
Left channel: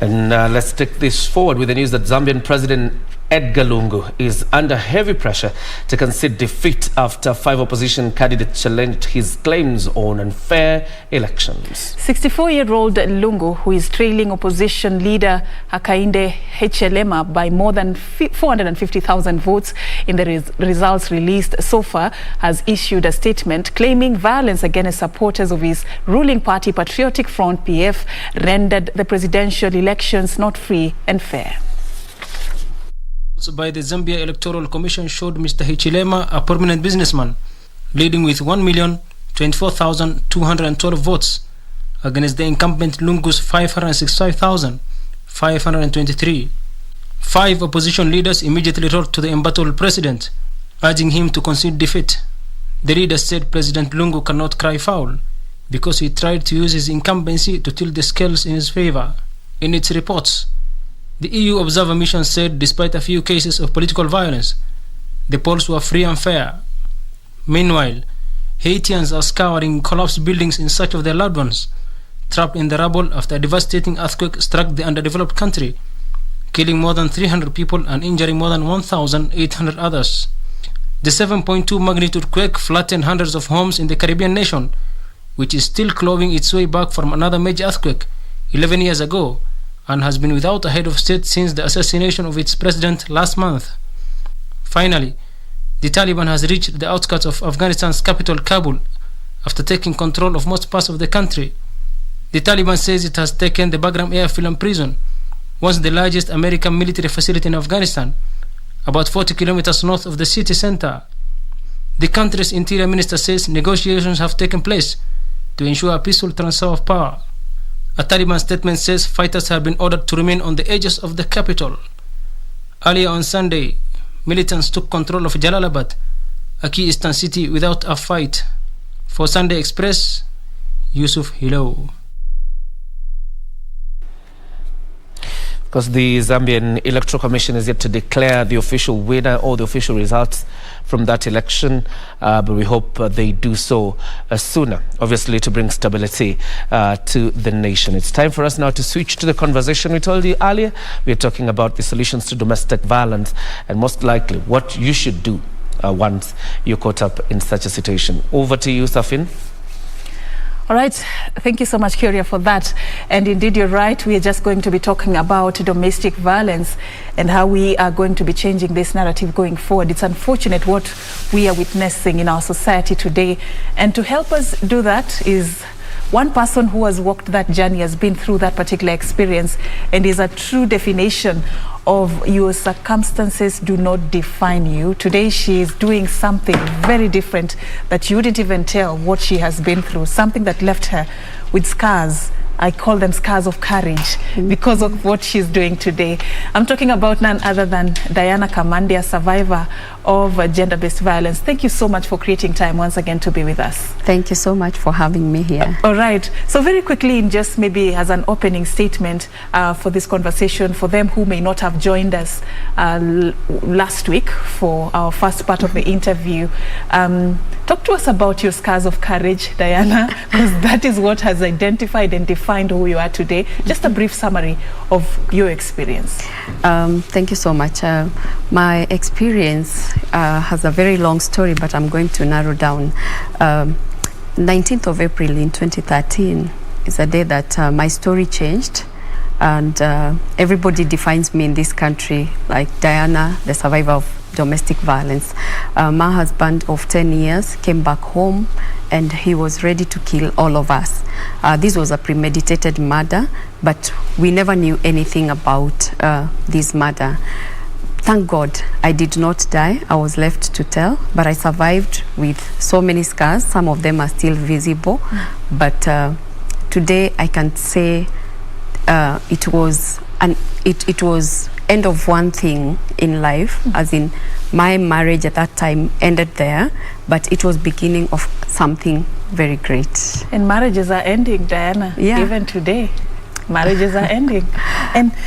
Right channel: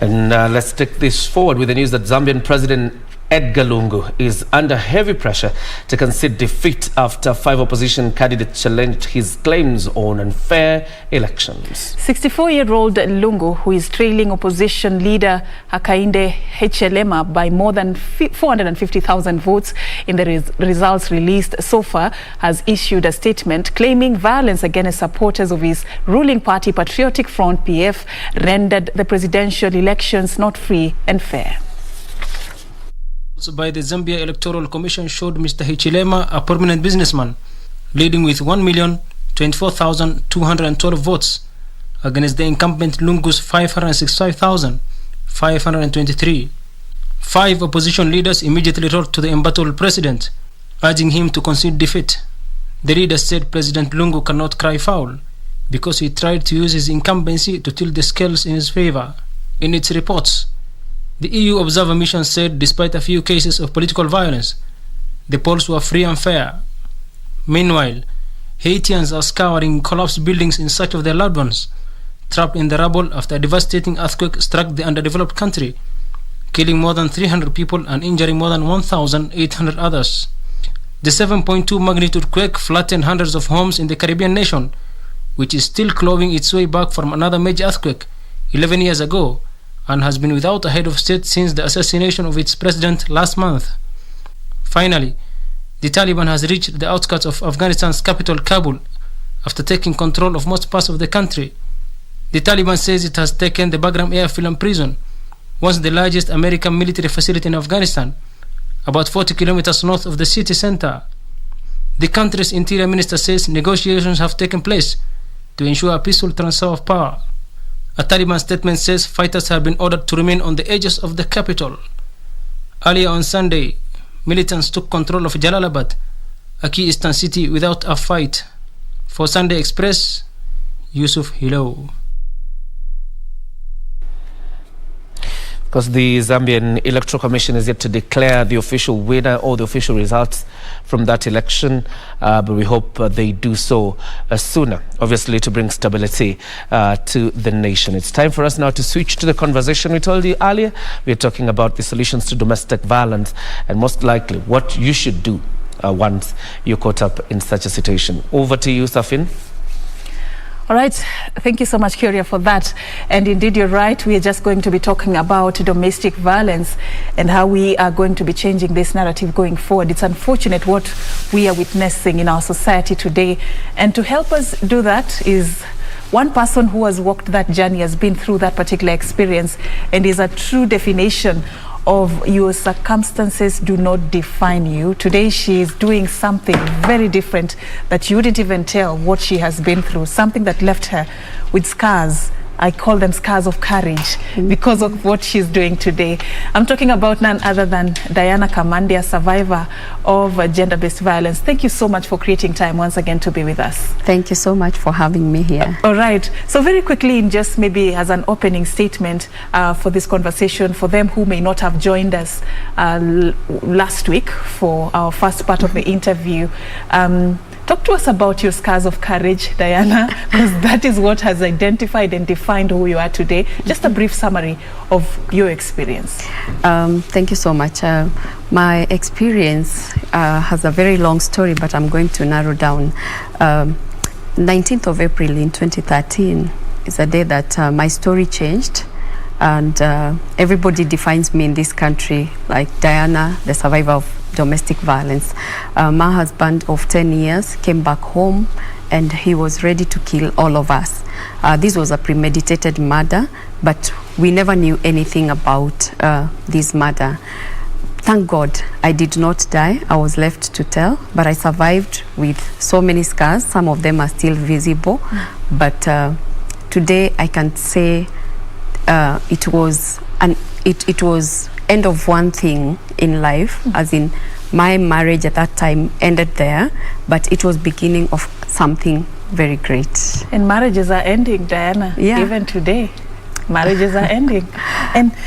And let's take this forward with the news that Zambian President Edgar Lungu is under heavy pressure to concede defeat after 5 opposition candidates challenged his claims on unfair elections. 64-year-old Lungu, who is trailing opposition leader Hakainde Hichilema by more than 450,000 votes in the results released so far, has issued a statement claiming violence against supporters of his ruling party Patriotic Front PF rendered the presidential elections not free and fair. By the Zambia Electoral Commission showed Mr. Hichilema, a prominent businessman, leading with 1,024,212 votes against the incumbent Lungu's 565,523. 5 opposition leaders immediately wrote to the embattled president, urging him to concede defeat. The leaders said President Lungu cannot cry foul because he tried to use his incumbency to tilt the scales in his favor. In its reports, the EU Observer Mission said despite a few cases of political violence, the polls were free and fair. Meanwhile, Haitians are scouring collapsed buildings in search of their loved ones, trapped in the rubble after a devastating earthquake struck the underdeveloped country, killing more than 300 people and injuring more than 1,800 others. The 7.2 magnitude quake flattened hundreds of homes in the Caribbean nation, which is still clawing its way back from another major earthquake 11 years ago, and has been without a head of state since the assassination of its president last month. Finally, the Taliban has reached the outskirts of Afghanistan's capital Kabul after taking control of most parts of the country. The Taliban says it has taken the Bagram airfield and prison, once the largest American military facility in Afghanistan, about 40 kilometers north of the city center. The country's interior minister says negotiations have taken place to ensure a peaceful transfer of power. A Taliban statement says fighters have been ordered to remain on the edges of the capital. Earlier on Sunday, militants took control of Jalalabad, a key eastern city, without a fight. For Sunday Express, Yusuf Hilo. Because the Zambian Electoral Commission is yet to declare the official winner or the official results from that election, but we hope they do so sooner, obviously, to bring stability to the nation. It's time for us now to switch to the conversation we told you earlier. We're talking about the solutions to domestic violence and most likely what you should do once you're caught up in such a situation. Over to you, Safin. All right, thank you so much, Kyria, for that. And indeed, you're right. We are just going to be talking about domestic violence and how we are going to be changing this narrative going forward. It's unfortunate what we are witnessing in our society today. And to help us do that is one person who has walked that journey, has been through that particular experience, and is a true definition of your circumstances do not define you. Today she is doing something very different that you wouldn't even tell what she has been through, something that left her with scars. I call them scars of courage because of what she's doing today. I'm talking about none other than Diana Kamande, a survivor of gender-based violence. Thank you so much for creating time once again to be with us. Thank you so much for having me here. All right. So very quickly, in just maybe as an opening statement for this conversation, for them who may not have joined us last week for our first part of the interview, talk to us about your scars of courage, Diana, because that is what has identified and defined who you are today. Just a brief summary of your experience. Thank you so much. My experience has a very long story, but I'm going to narrow down. 19th of April in 2013 is a day that my story changed. And everybody defines me in this country like Diana, the survivor of domestic violence. My husband of 10 years came back home and he was ready to kill all of us. This was a premeditated murder, but we never knew anything about this murder. Thank God I did not die. I was left to tell, but I survived with so many scars. Some of them are still visible, but today I can say it was end of one thing in life, as in my marriage at that time ended there, but it was beginning of something very great. And marriages are ending, Diana. Yeah. Even today, marriages are ending.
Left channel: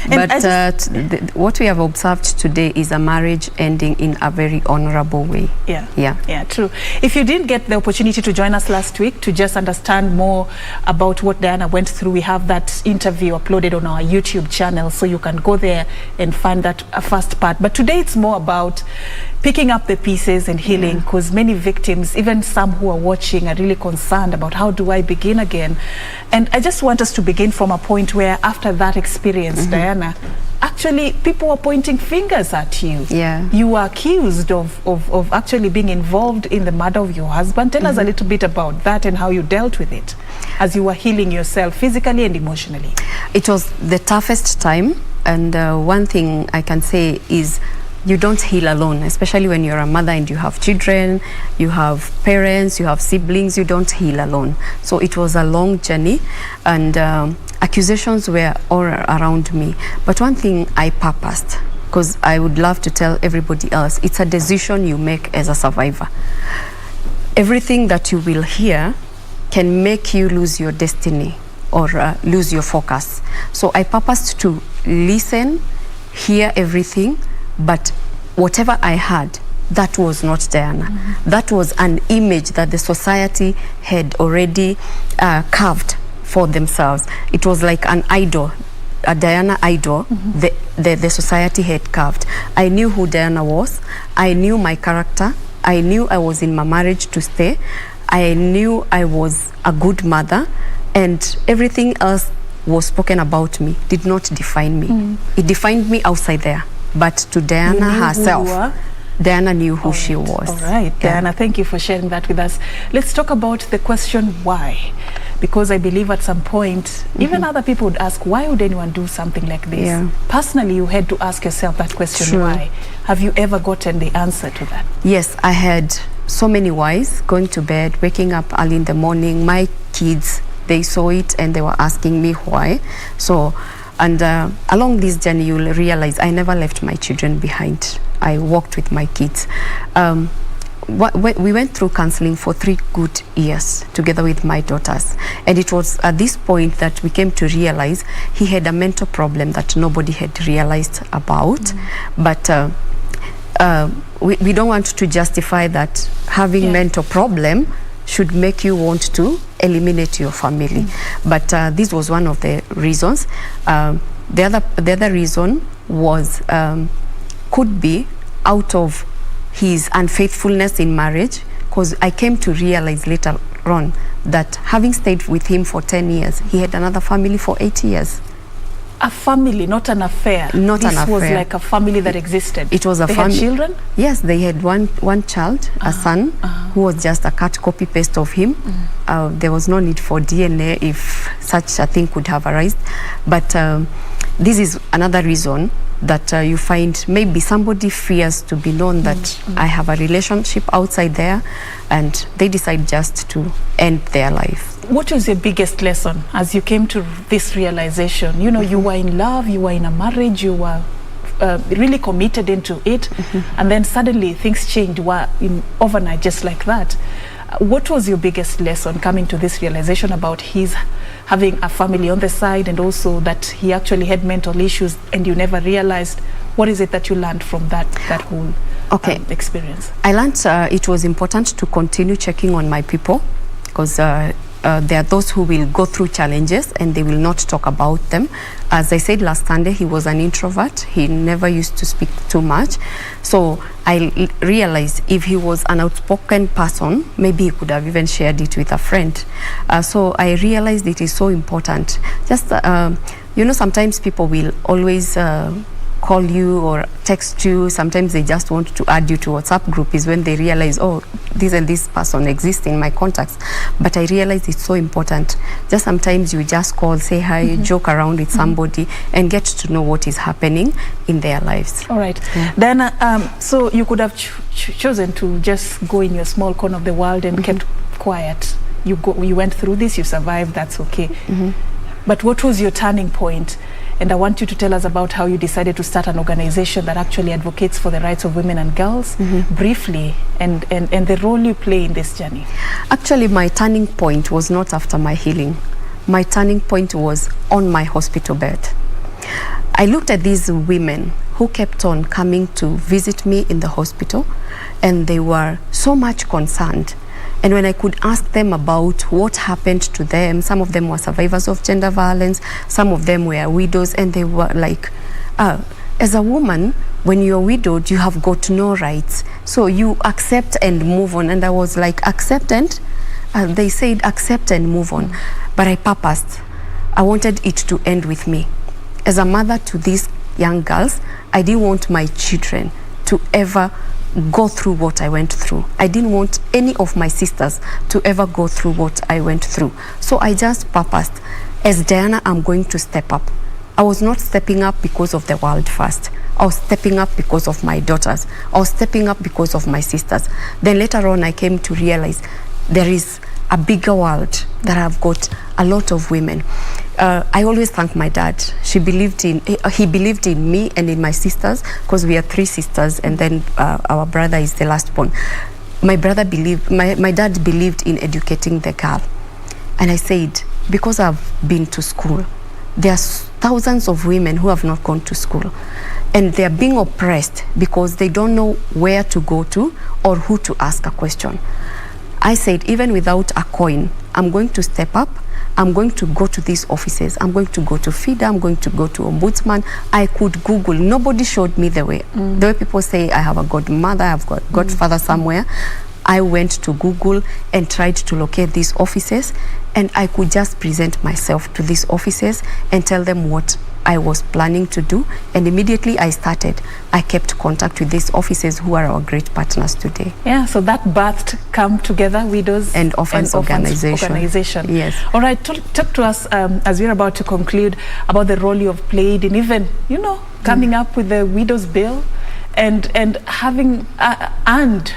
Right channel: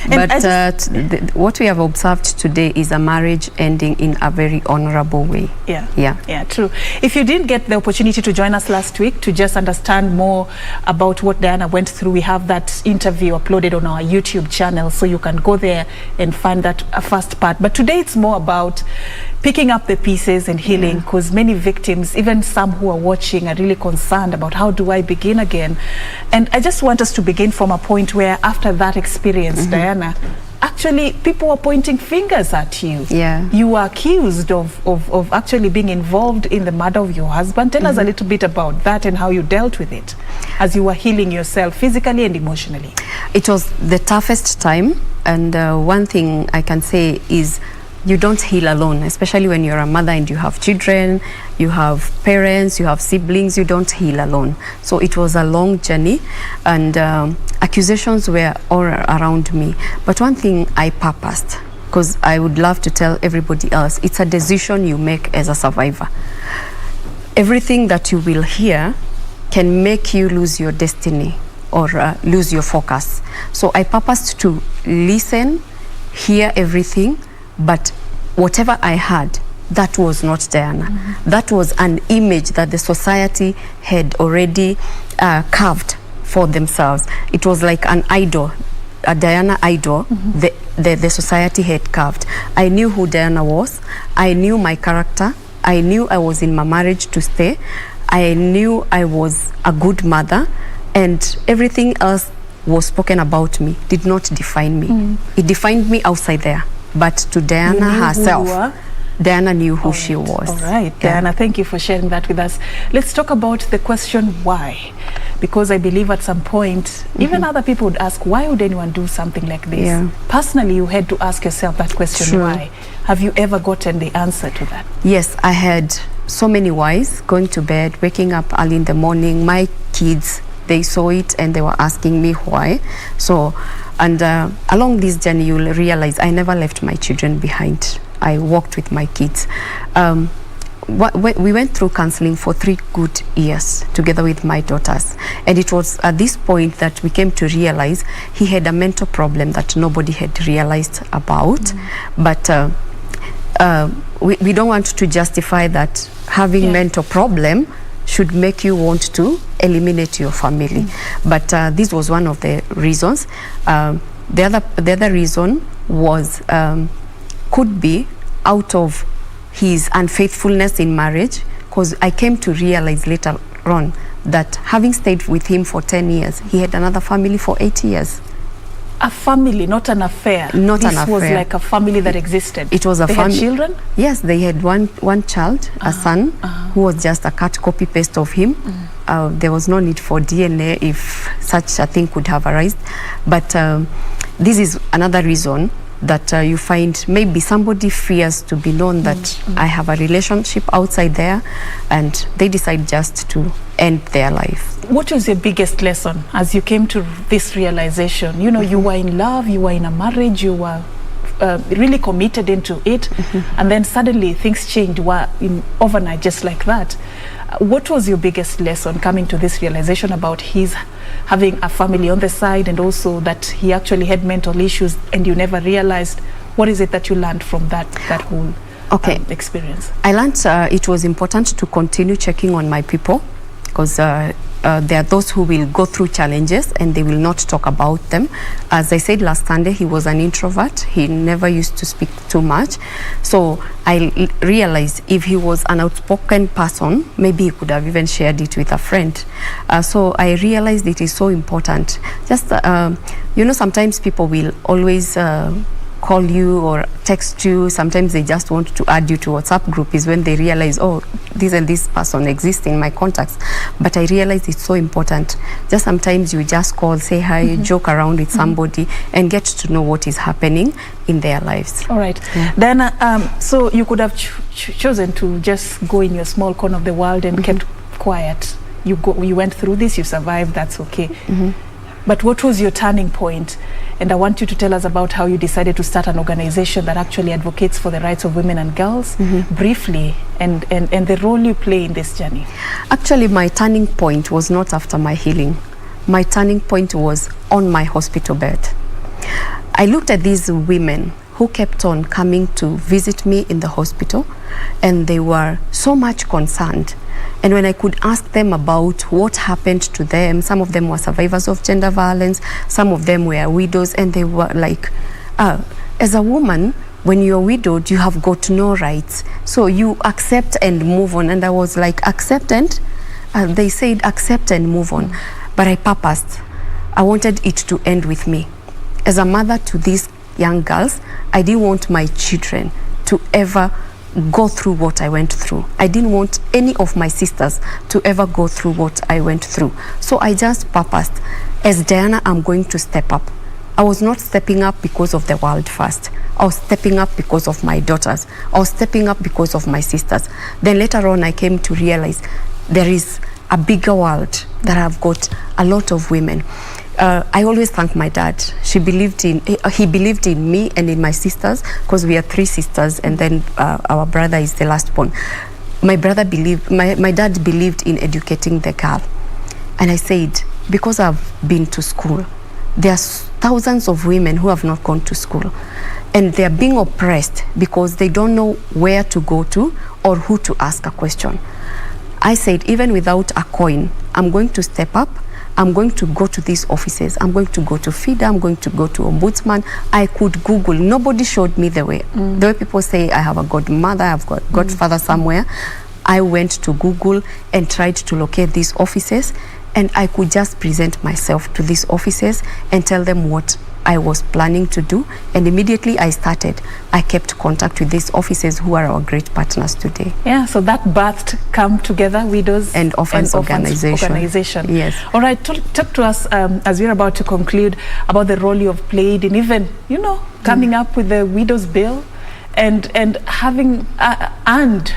But what we have observed today is a marriage ending in a very honorable way. Yeah, true. If you didn't get the opportunity to join us last week to just understand more about what Diana went through, we have that interview uploaded on our YouTube channel, so you can go there and find that first part. But today it's more about picking up the pieces and healing, because many victims, even some who are watching, are really concerned about how do I begin again. And I just want us to begin from a point where after that experience, Diana, actually people were pointing fingers at you. You were accused of actually being involved in the murder of your husband. Tell us a little bit about that and how you dealt with it as you were healing yourself physically and emotionally. It was the toughest time, and one thing I can say is you don't heal alone, especially when you're a mother and you have children, you have parents, you have siblings. You don't heal alone. So it was a long journey, and accusations were all around me. But one thing I purposed, because I would love to tell everybody else, it's a decision you make as a survivor. Everything that you will hear can make you lose your destiny or lose your focus. So I purposed to listen, hear everything, but whatever I had, that was not Diana. That was an image that the society had already carved for themselves. It was like an idol, a Diana idol, the society had carved. I knew who Diana was. I knew my character. I knew I was in my marriage to stay. I knew I was a good mother, and everything else was spoken about me did not define me. It defined me outside there. But to Diana herself, Diana knew who she was. All right, Diana, thank you for sharing that with us. Let's talk about the question why. Because I believe at some point, even other people would ask, why would anyone do something like this? Personally, you had to ask yourself that question, why? Have you ever gotten the answer to that? Yes, I had so many whys. Going to bed, waking up early in the morning. My kids, they saw it and they were asking me why. So, and along this journey, you'll realize I never left my children behind. I walked with my kids. We went through counseling for 3 good years together with my daughters. And it was at this point that we came to realize he had a mental problem that nobody had realized about. But we don't want to justify that having mental problem should make you want to eliminate your family. But this was one of the reasons. The other reason was could be out of his unfaithfulness in marriage, because I came to realize later on that having stayed with him for 10 years, he had another family for 8 years. A family, not an affair. Not an affair. This was like a family that existed. It was a family. They had children? Yes, they had one child, a son, who was just a cut copy paste of him. There was no need for DNA if such a thing could have arisen. But this is another reason that you find maybe somebody fears to be known that I have a relationship outside there, and they decide just to end their life. What was your biggest lesson as you came to this realization? You know, you were in love, you were in a marriage, you were really committed into it, and then suddenly things changed overnight, just like that. What was your biggest lesson coming to this realization about his having a family on the side, and also that he actually had mental issues and you never realized? What is it that you learned from that whole experience? I learned it was important to continue checking on my people, because there are those who will go through challenges and they will not talk about them. As I said last Sunday, he was an introvert. He never used to speak too much. So I realized if he was an outspoken person, maybe he could have even shared it with a friend. So I realized it is so important. Just, you know, sometimes people will always call you or text you. Sometimes they just want to add you to WhatsApp group is when they realize, oh, this and this person exists in my contacts. But I realize it's so important. Just sometimes you just call, say hi, joke around with somebody and get to know what is happening in their lives. All right. Then, so you could have chosen to just go in your small corner of the world and kept quiet. You went through this, you survived, that's okay. But what was your turning point? And I want you to tell us about how you decided to start an organization that actually advocates for the rights of women and girls, briefly, and the role you play in this journey. Actually, my turning point was not after my healing. My turning point was on my hospital bed. I looked at these women who kept on coming to visit me in the hospital, and they were so much concerned. And when I could ask them about what happened to them, some of them were survivors of gender violence, some of them were widows, and they were like, as a woman, when you're widowed, you have got no rights. So you accept and move on. And I was like, accept and, they said, accept and move on. But I purposed. I wanted it to end with me. As a mother to these young girls, I didn't want my children to ever go through what I went through. I didn't want any of my sisters to ever go through what I went through. So I just purposed, as Diana, I'm going to step up. I was not stepping up because of the world first. I was stepping up because of my daughters. I was stepping up because of my sisters. Then later on, I came to realize there is a bigger world that I've got a lot of women. I always thank my dad. He believed in me and in my sisters, because we are 3 sisters, and then our brother is the last born. My dad believed in educating the girl. And I said, because I've been to school, there are thousands of women who have not gone to school, and they are being oppressed because they don't know where to go to or who to ask a question. I said, even without a coin, I'm going to step up. I'm going to go to these offices. I'm going to go to FIDA. I'm going to go to Ombudsman. I could Google. Nobody showed me the way. The way people say I have a godmother, I've got godfather somewhere. I went to Google and tried to locate these offices, and I could just present myself to these offices and tell them what I was planning to do. And immediately I started. I kept contact with these offices who are our great partners today. Yeah, so that birthed Come Together Widows and Orphans Organization. Yes. All right, talk to us as we're about to conclude about the role you have played in even, coming up with the Widows Bill and having earned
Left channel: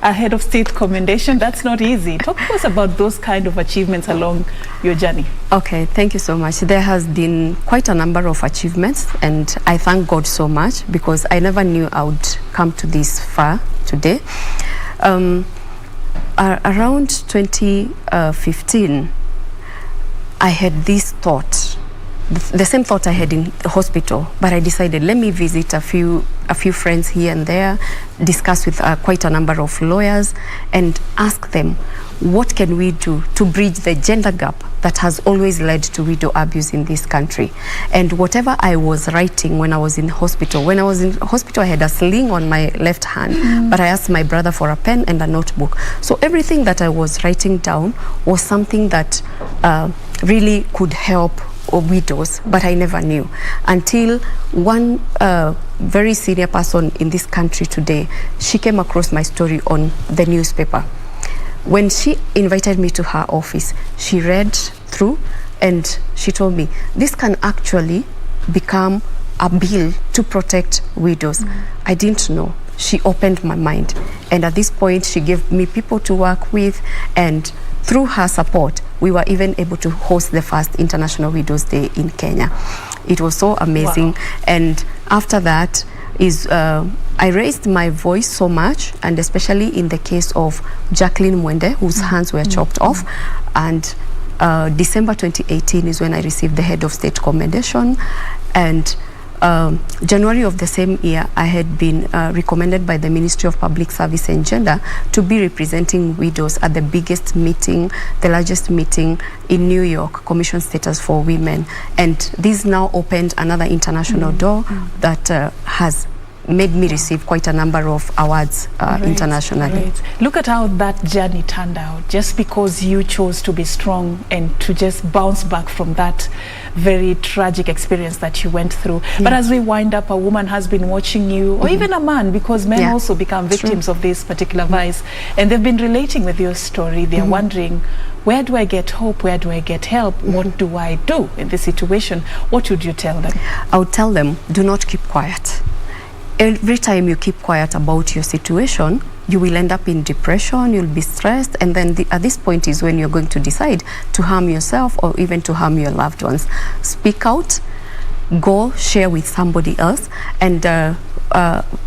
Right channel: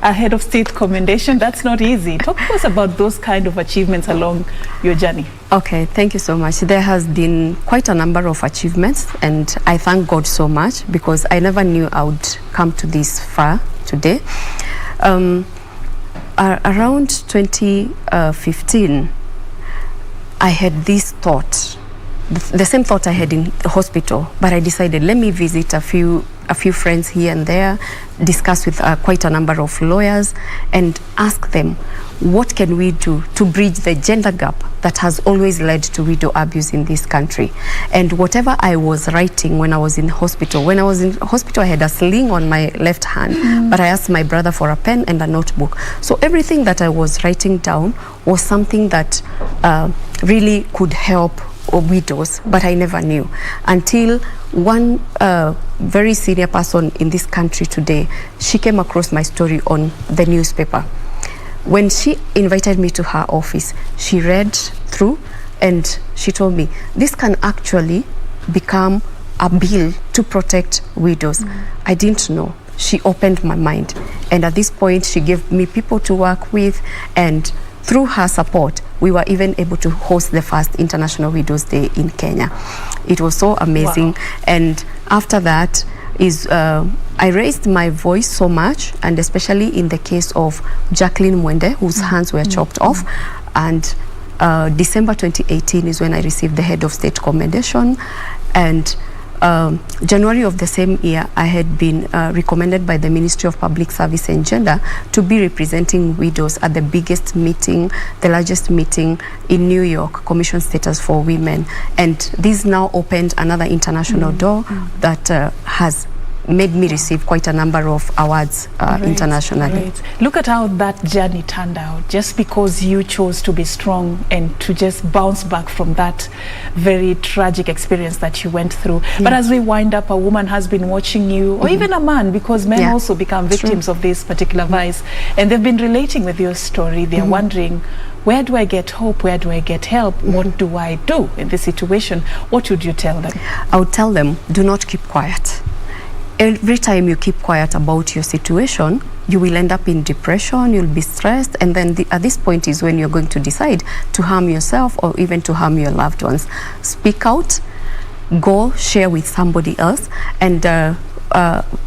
a head of state commendation. That's not easy. Talk to us about those kind of achievements along your journey. Okay, thank you so much. There has been quite a number of achievements, and I thank God so much, because I never knew I would come to this far today. Around 2015, I had this thought, the same thought I had in the hospital, but I decided, let me visit a few friends here and there, discuss with quite a number of lawyers, and ask them, what can we do to bridge the gender gap that has always led to widow abuse in this country? And whatever I was writing when I was in hospital, I had a sling on my left hand, but I asked my brother for a pen and a notebook. So everything that I was writing down was something that really could help widows, but I never knew until one very senior person in this country today, she came across my story on the newspaper. When she invited me to her office, she read through and she told me, this can actually become a bill to protect widows. I didn't know. She opened my mind. And at this point, she gave me people to work with, and through her support, we were even able to host the first International Widows Day in Kenya. It was so amazing. Wow. And after that I raised my voice so much, and especially in the case of Jacqueline Mwende, whose hands were chopped off. And December 2018 is when I received the head of state commendation. And January of the same year, I had been recommended by the Ministry of Public Service and Gender to be representing widows at the biggest meeting, the largest meeting in New York, Commission Status for Women. And this now opened another international door that has made me receive quite a number of awards internationally. Right. Look at how that journey turned out, just because you chose to be strong and to just bounce back from that very tragic experience that you went through. But as we wind up, a woman has been watching you, or even a man, because men also become victims of this particular vice, and they've been relating with your story. They're wondering, where do I get hope? Where do I get help? What do I do in this situation? What would you tell them? I would tell them, do not keep quiet. Every time you keep quiet about your situation, you will end up in depression, you'll be stressed, and then at this point is when you're going to decide to harm yourself or even to harm your loved ones. Speak out, go share with somebody else, and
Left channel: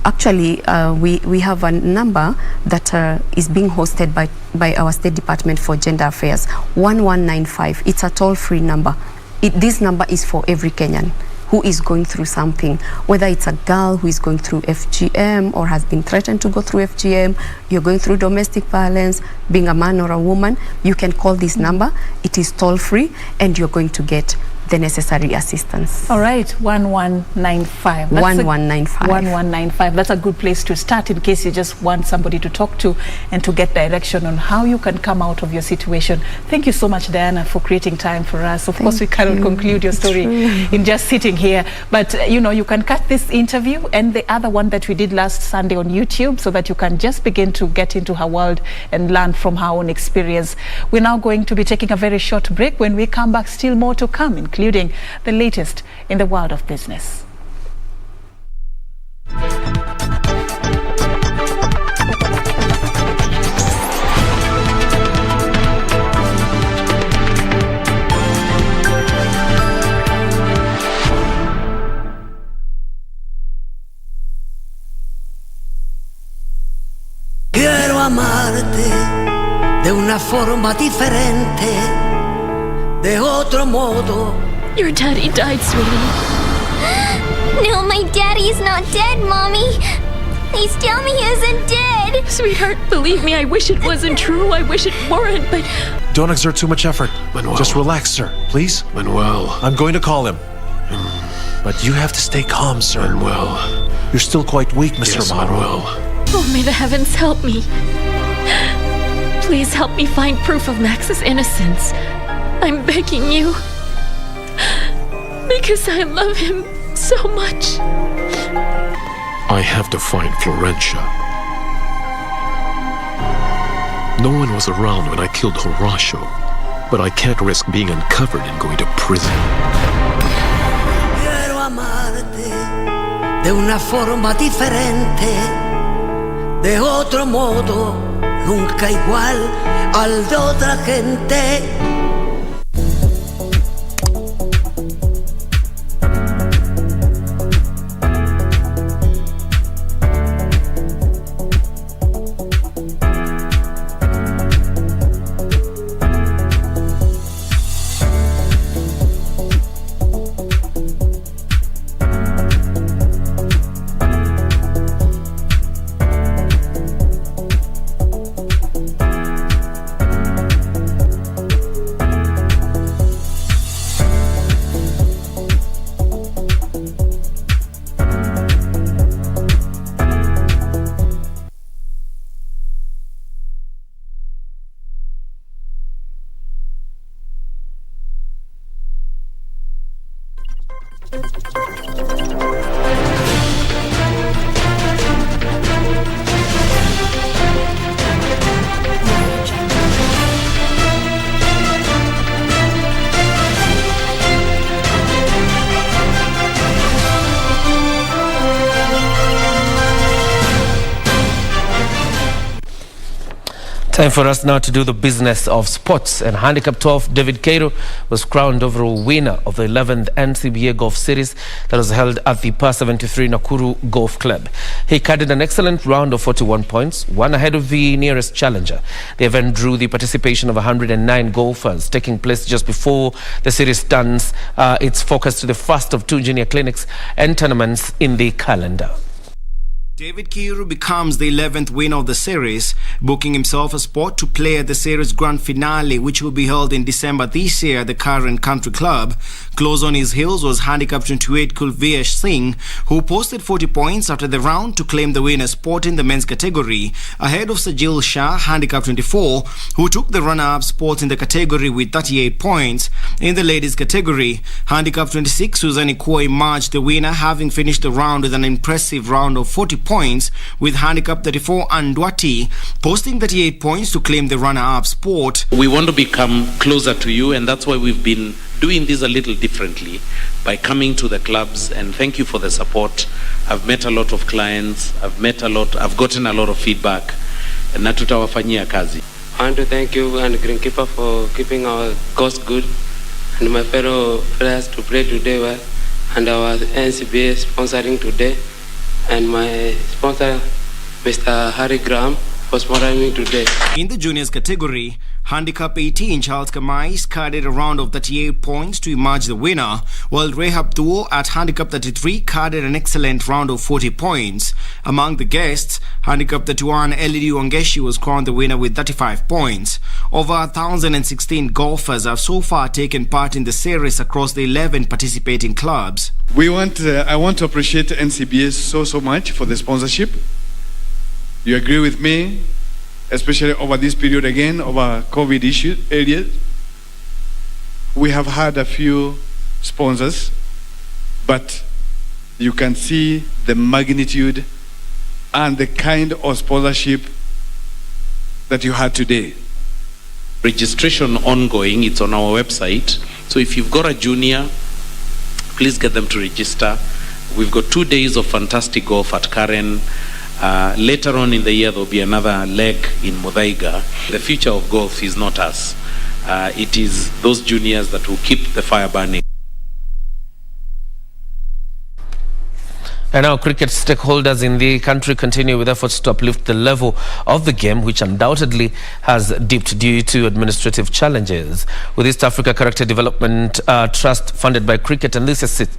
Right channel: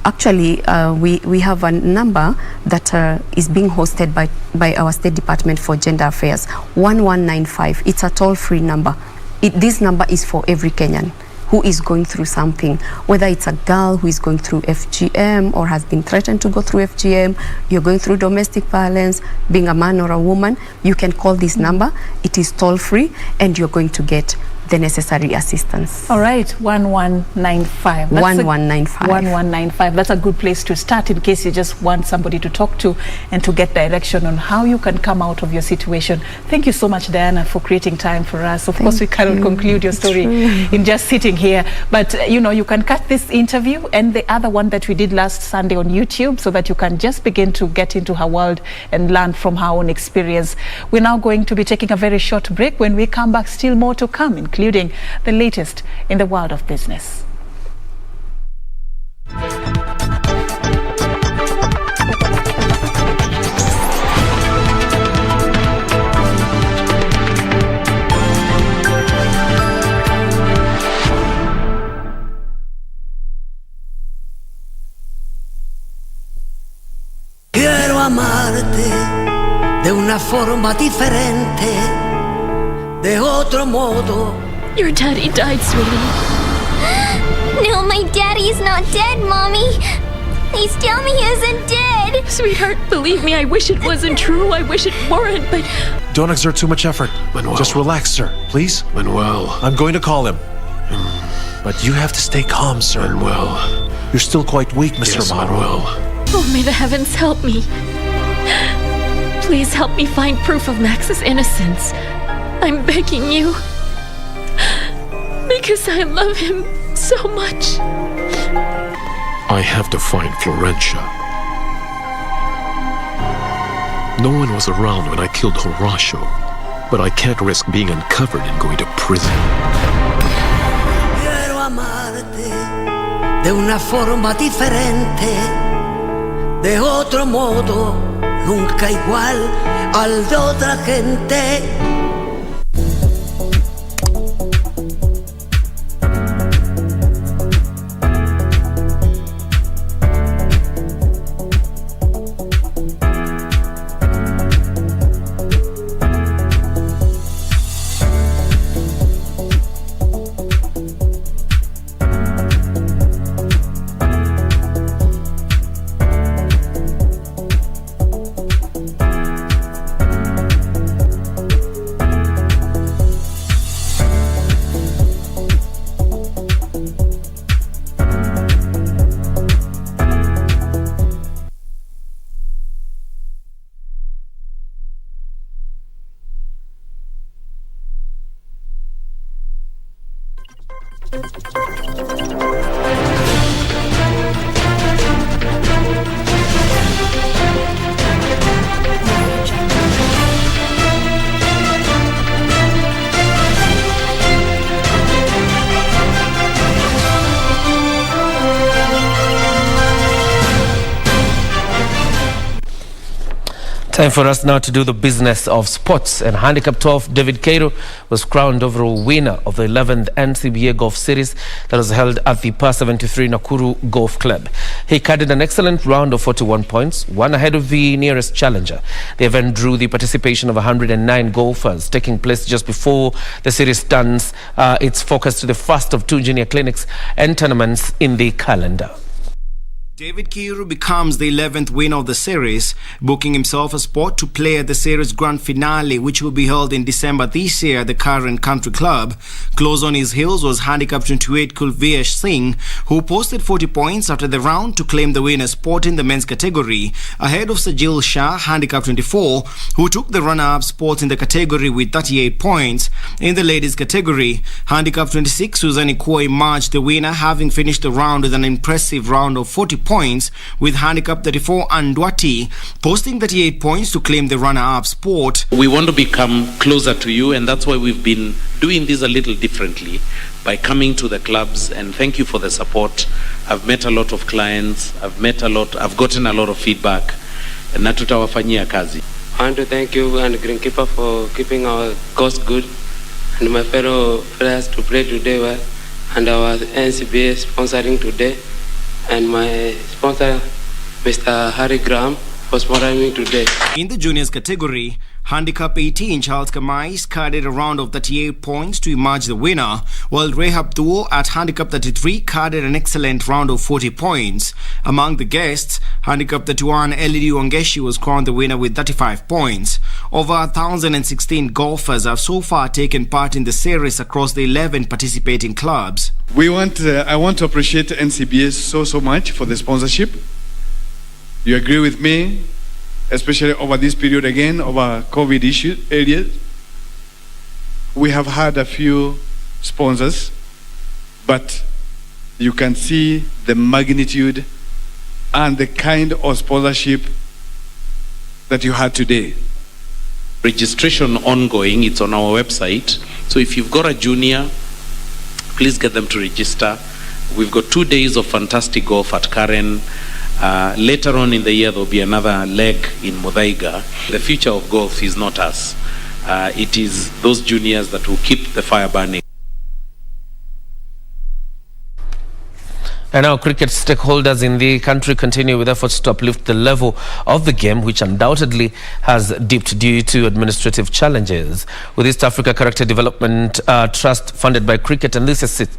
actually we have a number that is being hosted by our State Department for Gender Affairs, 1195. It's a toll-free number. This number is for every Kenyan who is going through something, whether it's a girl who is going through FGM or has been threatened to go through FGM, you're going through domestic violence, being a man or a woman, you can call this number. It is toll-free, and you're going to get the necessary assistance. All right, 1195. 1195. 1195. That's a good place to start in case you just want somebody to talk to and to get direction on how you can come out of your situation. Thank you so much, Diana, for creating time for us. Of course, we cannot conclude your story in just sitting here, but you know, you can catch this interview and the other one that we did last Sunday on YouTube, so that you can just begin to get into her world and learn from her own experience. We're now going to be taking a very short break. When we come back, still more to come, including the latest in the world of business. Quiero amarte de una forma diferente, de otro modo. Your daddy died, sweetie. No, my daddy is not dead, Mommy. Please tell me he isn't dead. Sweetheart, believe me, I wish it wasn't true. I wish it weren't, but... Don't exert too much effort. Manuel. Just relax, sir, please. Manuel. I'm going to call him. But you have to stay calm, sir. Manuel. You're still quite weak, Mr. Yes, Manuel. Oh, may the heavens help me. Please help me find proof of Max's innocence. I'm begging you. Because I love him so much. I have to find Florencia. No one was around when I killed Horacio, but I can't risk being uncovered and going to prison. Quiero amarte de una forma diferente, de otro modo, nunca igual al de otra gente. Time for us now to do the business of sports. And Handicap 12, David Cairo was crowned overall winner of the 11th NCBA Golf Series that was held at the Par 73 Nakuru Golf Club. He carded an excellent round of 41 points, one ahead of the nearest challenger. The event drew the participation of 109 golfers, taking place just before the series turns its focus to the first of two junior clinics and tournaments in the calendar. David Kiiru becomes the 11th winner of the series, booking himself a spot to play at the series grand finale, which will be held in December this year at the Karen Country Club. Close on his heels was handicap 28 Kulveer Singh, who posted 40 points after the round to claim the winner's spot in the men's category, ahead of Sajil Shah, handicap 24, who took the runner-up spot in the category with 38 points. In the ladies category, handicap 26 Suzanne Kua emerged the winner, having finished the round with an impressive round of 40 points, with handicap 34 Andwati posting 38 points to claim the runner-up spot. We want to become closer to you, and that's why we've been doing this a little differently by coming to the clubs, and thank you for the support. I've met a lot of clients, I've gotten a lot of feedback, and na tutawafanyia kazi. I want to thank you and Greenkeeper for keeping our course good, and my fellow players to play today well, and our NCBA sponsoring today, and my sponsor, Mr. Harry Graham, for sponsoring me today. In the juniors category, handicap 18 Charles Kamais carded a round of 38 points to emerge the winner, while Rehab Duo at handicap 33 carded an excellent round of 40 points. Among the guests, handicap 31 Elidu Wangeshi was crowned the winner with 35 points. Over 1,016 golfers have so far taken part in the series across the 11 participating clubs. I want to appreciate NCBS so much for the sponsorship. You agree with me, especially over this period again, over COVID issue areas. We have had a few sponsors, but you can see the magnitude and the kind of sponsorship that you had today. Registration ongoing, it's on our website. So if you've got a junior, please get them to register. We've got 2 days of fantastic golf at Karen. Later on in the year, there'll be another leg in Muthaiga. The future of golf is not us. It is those juniors that will keep the fire burning. And now cricket stakeholders in the country continue with efforts to uplift the level of the game, which undoubtedly has dipped due to administrative challenges. With East Africa Character Development Trust funded by cricket enthusiast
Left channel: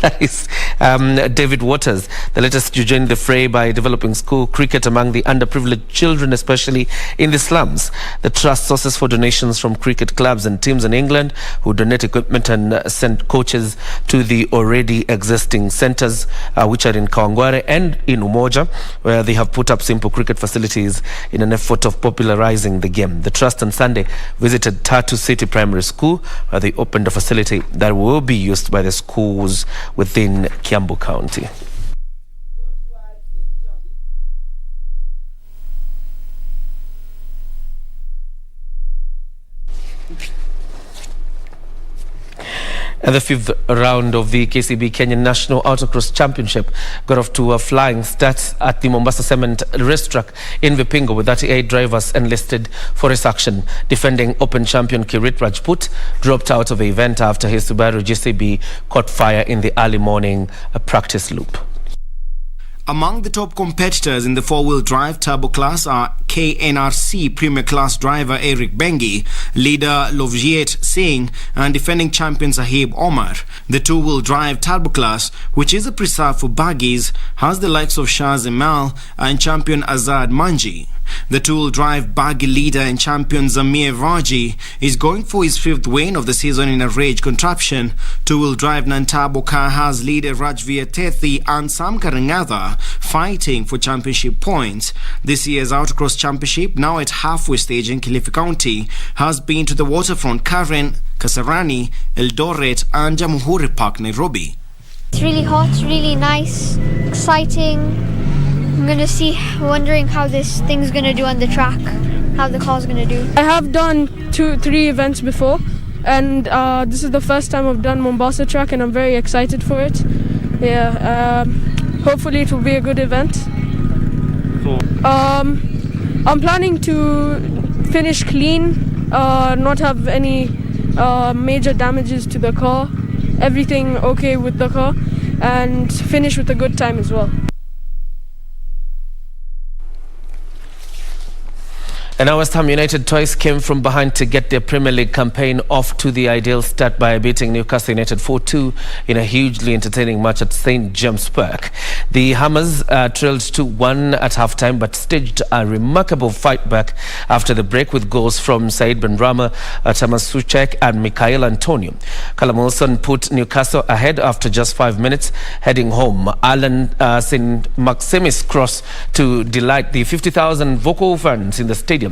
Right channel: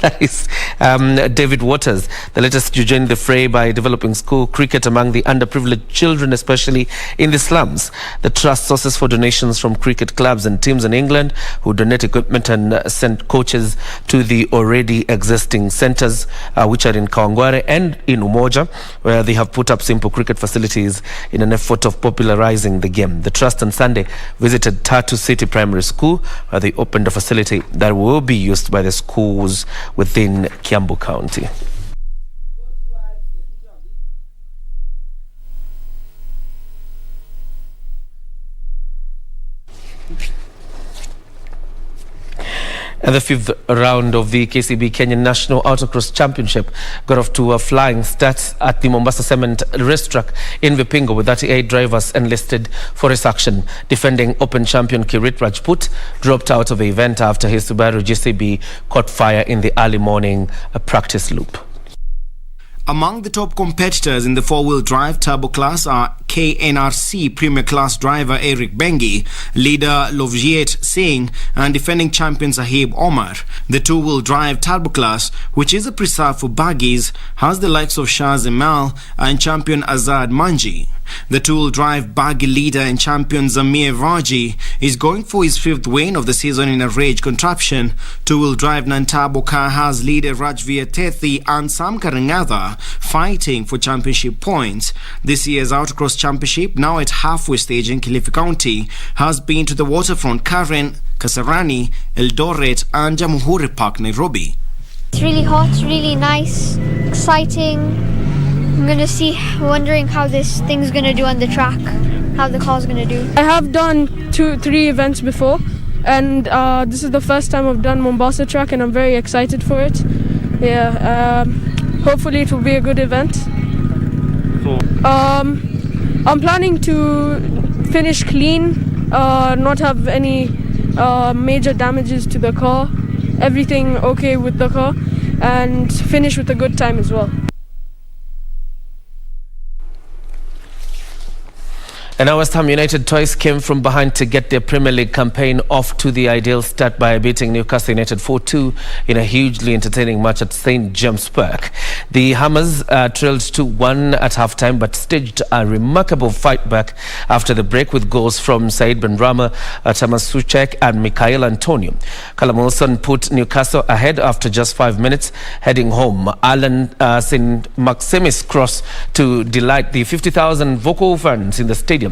that is David Waters, the latest to join the fray by developing school cricket among the underprivileged children, especially in the slums. The trust sources for donations from cricket clubs and teams in England who donate equipment and send coaches to the already existing centres, which are in Kawangware and in Umoja, where they have put up simple cricket facilities in an effort of popularising the game. The trust on Sunday visited Tatu City Primary School, where they opened a facility that will be used by the schools within Kiambu County. And the fifth round of the KCB Kenyan National Autocross Championship got off to a flying start at the Mombasa Cement racetrack in Vipingo, with 38 drivers enlisted for race action. Defending Open champion Kirit Rajput dropped out of the event after his Subaru GCB caught fire in the early morning practice loop. Among the top competitors in the four-wheel drive turbo class are KNRC Premier Class driver Eric Bengi, leader Lovjiet Singh, and defending champion Sahib Omar. The two-wheel drive turbo class, which is a preserve for buggies, has the likes of Shah Zemal and champion Azad Manji. The two-wheel drive buggy leader and champion Zamir Raji is going for his fifth win of the season in a rage contraption. Two-wheel drive non-turbo car has leader Rajveer Tethi and Sam Karangatha fighting for championship points. This year's Autocross Championship, now at halfway stage in Kilifi County, has been to the waterfront Karen, Kasarani, Eldoret and Jamhuri Park, Nairobi. It's really hot, really nice, exciting. I'm wondering how this thing's gonna do on the track, how the car's gonna do. I have done 2-3 events before, and this is the first time I've done Mombasa track, and I'm very excited for it. Yeah, hopefully it will be a good event. I'm planning to finish clean, not have any major damages to the car, everything okay with the car, and finish with a good time as well. And now West Ham United twice came from behind to get their Premier League campaign off to the ideal start by beating Newcastle United 4-2 in a hugely entertaining match at St James Park. The Hammers trailed 2-1 at half-time but staged a remarkable fight back after the break with goals from Said Benrahma, Thomas Souček and Mikhail Antonio. Callum Wilson put Newcastle ahead after just 5 minutes, heading home. Alan St Maximis cross to delight the 50,000 vocal fans in the stadium.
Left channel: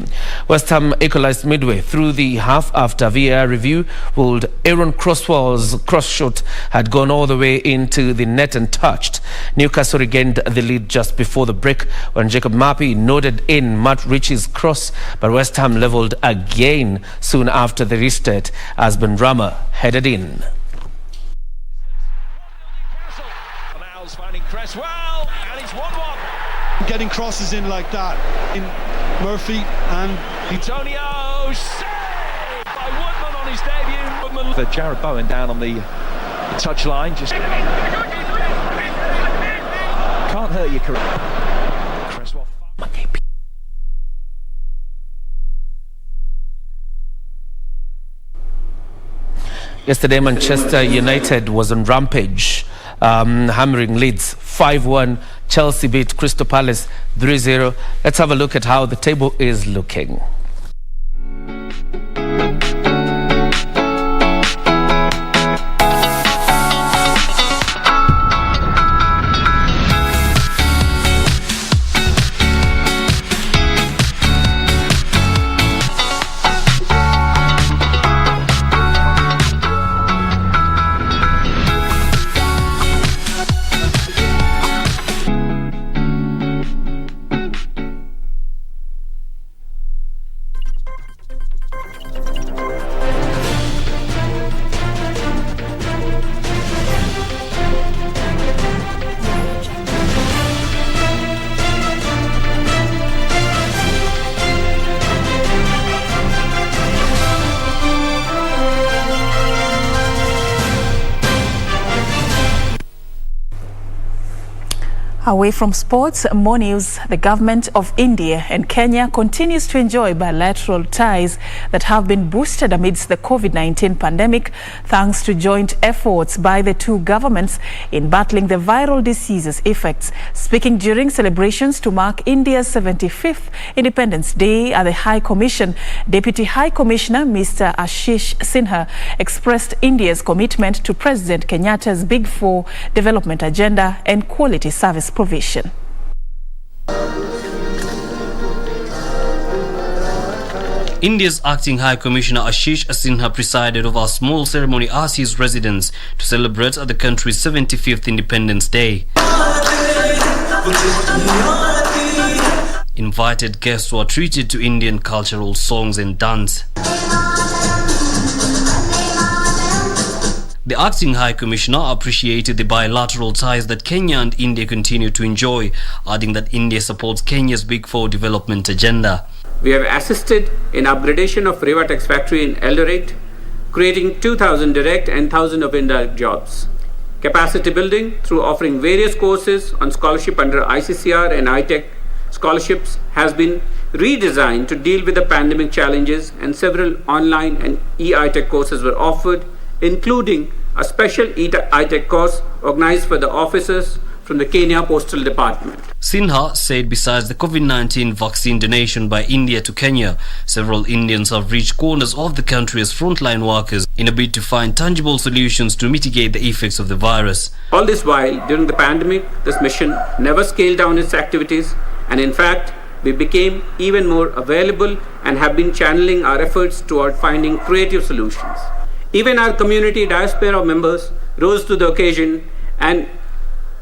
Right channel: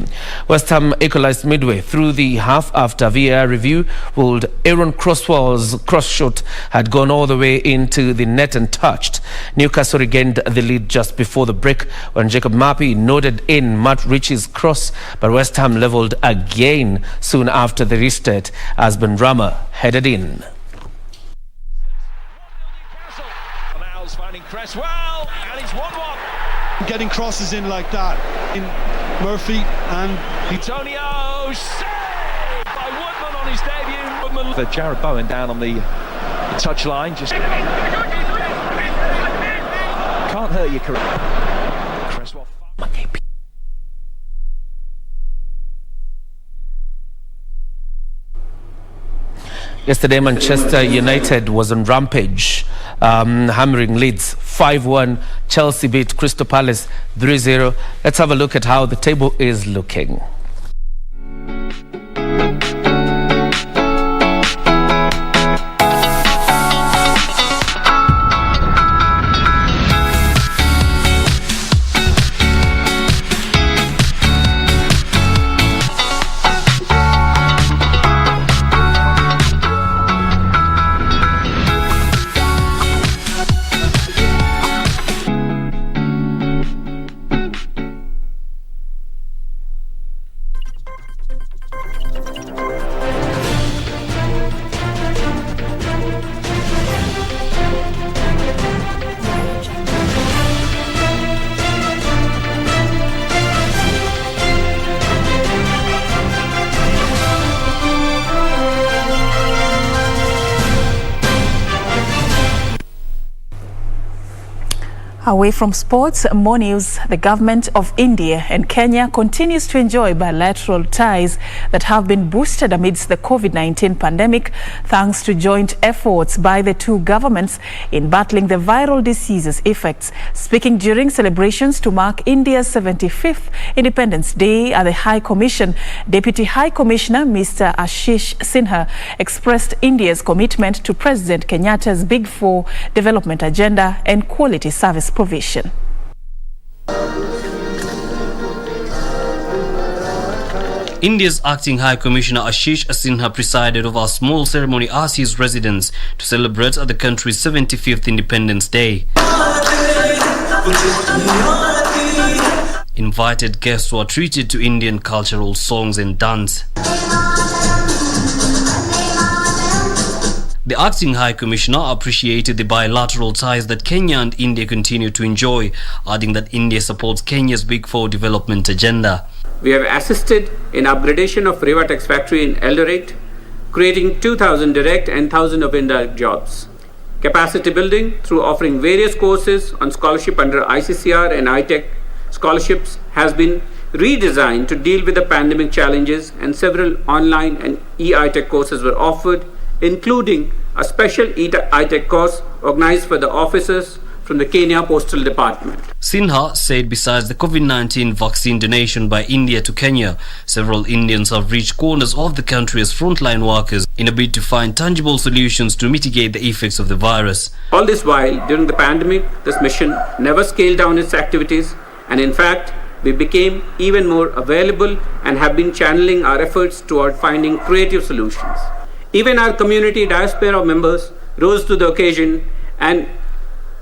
West Ham equalised midway through the half after VAR review ruled Aaron Croswell's cross shot had gone all the way into the net and touched. Newcastle regained the lead just before the break when Jacob Mapi nodded in Matt Ritchie's cross, but West Ham levelled again soon after the restart as Benrahma headed in. Mal's finding Cresswell, and it's 1-1. Getting crosses in like that in Murphy and Antonio, saved by Woodman on his debut. Woodman for Jared Bowen down on the touchline, just can't hurt your career. Cresswell. Yesterday, Manchester United was on rampage, hammering Leeds 5-1. Chelsea beat Crystal Palace 3-0. Let's have a look at how the table is looking. Away from sports, more news. The government of India and Kenya continues to enjoy bilateral ties that have been boosted amidst the COVID-19 pandemic, thanks to joint efforts by the two governments in battling the viral disease's effects. Speaking during celebrations to mark India's 75th Independence Day at the High Commission, Deputy High Commissioner Mr. Ashish Sinha expressed India's commitment to President Kenyatta's Big Four development agenda and quality service provision. India's acting High Commissioner Ashish Sinha presided over a small ceremony at his residence to celebrate the country's 75th Independence Day. Invited guests were treated to Indian cultural songs and dance. The acting High Commissioner appreciated the bilateral ties that Kenya and India continue to enjoy, adding that India supports Kenya's Big Four development agenda. We have assisted in upgradation of Rivatex factory in Eldoret, creating 2,000 direct and 1,000 of indirect jobs. Capacity building through offering various courses on scholarship under ICCR and ITEC scholarships has been redesigned to deal with the pandemic challenges, and several online and e-ITEC courses were offered, including a special ITEC course organized for the officers from the Kenya Postal Department. Sinha said besides the COVID-19 vaccine donation by India to Kenya, several Indians have reached corners of the country as frontline workers in a bid to find tangible solutions to mitigate the effects of the virus. All this while, during the pandemic, this mission never scaled down its activities, and in fact, we became even more available and have been channeling our efforts toward finding creative solutions. Even our community diaspora members rose to the occasion, and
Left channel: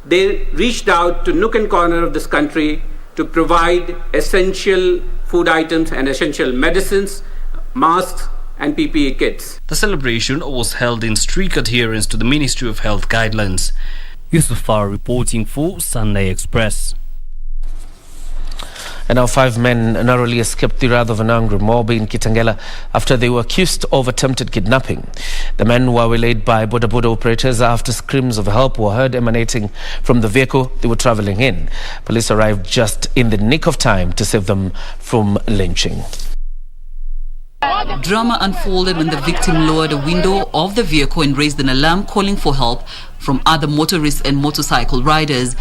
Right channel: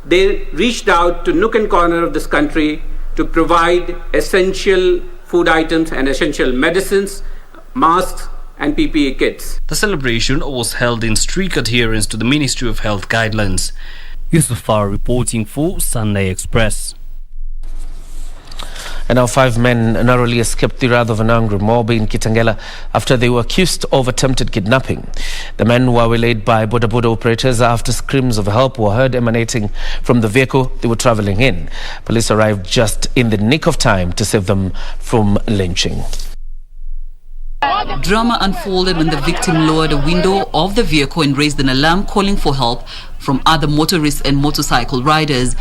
they reached out to nook and corner of this country to provide essential food items and essential medicines, masks and PPE kits. The celebration was held in strict adherence to the Ministry of Health guidelines. Yusufar reporting for Sunday Express. And now 5 men narrowly escaped the wrath of an angry mob in Kitengela after they were accused of attempted kidnapping. The men were waylaid by Boda Boda operators after screams of help were heard emanating from the vehicle they were traveling in. Police arrived just in the nick of time to save them from lynching. Drama unfolded when the victim lowered a window of the vehicle and raised an alarm calling for help from other motorists and motorcycle riders.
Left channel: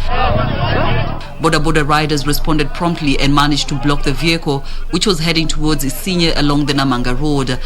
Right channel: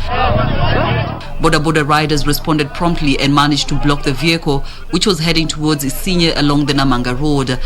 Boda Boda riders responded promptly and managed to block the vehicle, which was heading towards Isinya along the Namanga road.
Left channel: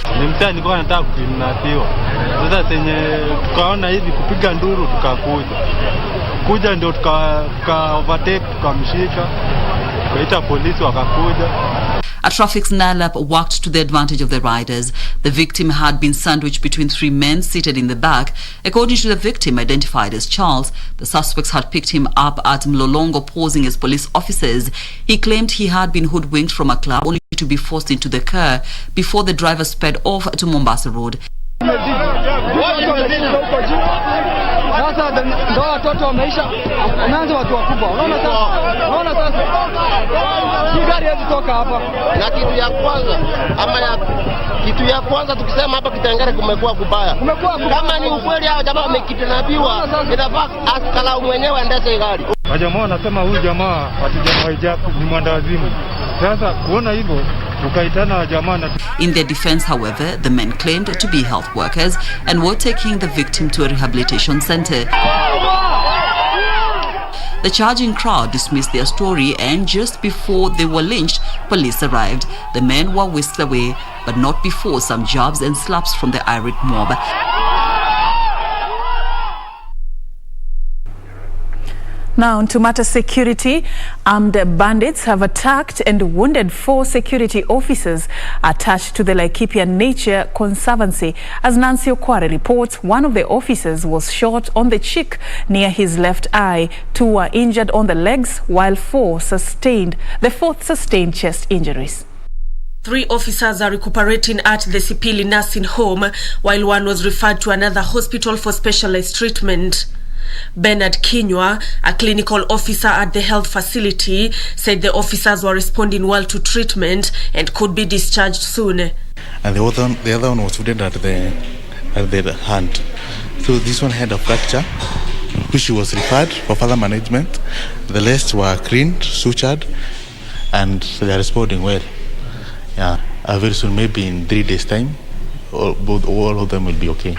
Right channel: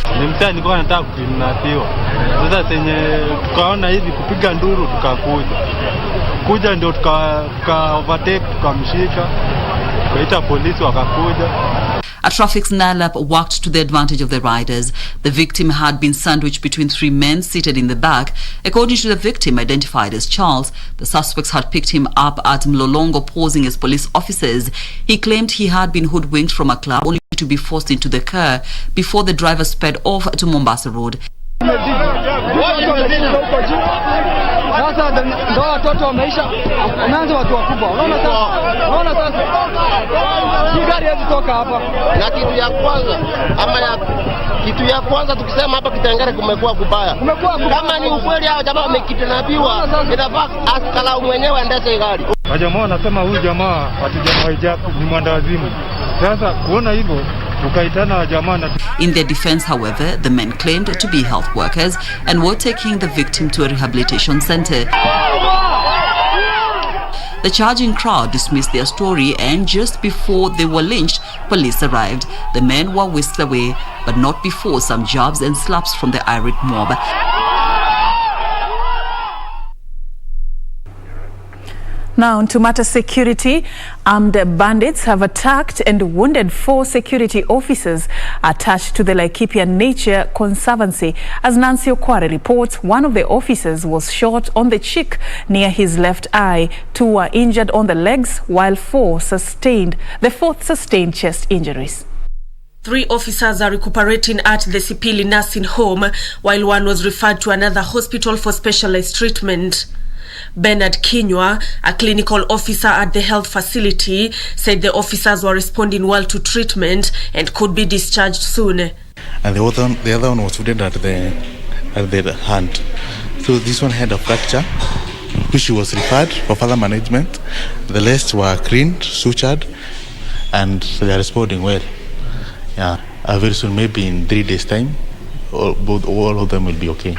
A traffic snarl-up worked to the advantage of the riders. The victim had been sandwiched between 3 men seated in the back. According to the victim, identified as Charles, the suspects had picked him up at Mlolongo posing as police officers. He claimed he had been hoodwinked from a club only to be forced into the car before the driver sped off to Mombasa Road. Kitu ya kwanza tukisema hapa Kitengela kumekuwa kubaya. Kama ni ukweli hao jamaa wamekidnapiwa, inafaa askala mwenyewe aendeshe gari. Wajamaa wanasema huyu jamaa hatujamhijabu ni mwandawazimu. Sasa kuona hivyo tukaitana jamaa na. In their defense, however, the men claimed to be health workers and were taking the victim to a rehabilitation center. The charging crowd dismissed their story, and just before they were lynched, police arrived. The men were whisked away, but not before some jabs and slaps from the irate mob. Now, to matter security, armed bandits have attacked and wounded 4 security officers attached to the Laikipia Nature Conservancy. As Nancy Okware reports, one of the officers was shot on the cheek near his left eye. 2 were injured on the legs, while the 4th sustained chest injuries. 3 officers are recuperating at the Sipili nursing home, while 1 was referred to another hospital for specialized treatment. Bernard Kinywa, a clinical officer at the health facility, said the officers were responding well to treatment and could be discharged soon. And the other one was wounded at the hand. So this one had a fracture, which was referred for further management. The rest were cleaned, sutured, and they are responding well. Yeah, very soon, maybe in 3 days' time, all of them will be okay.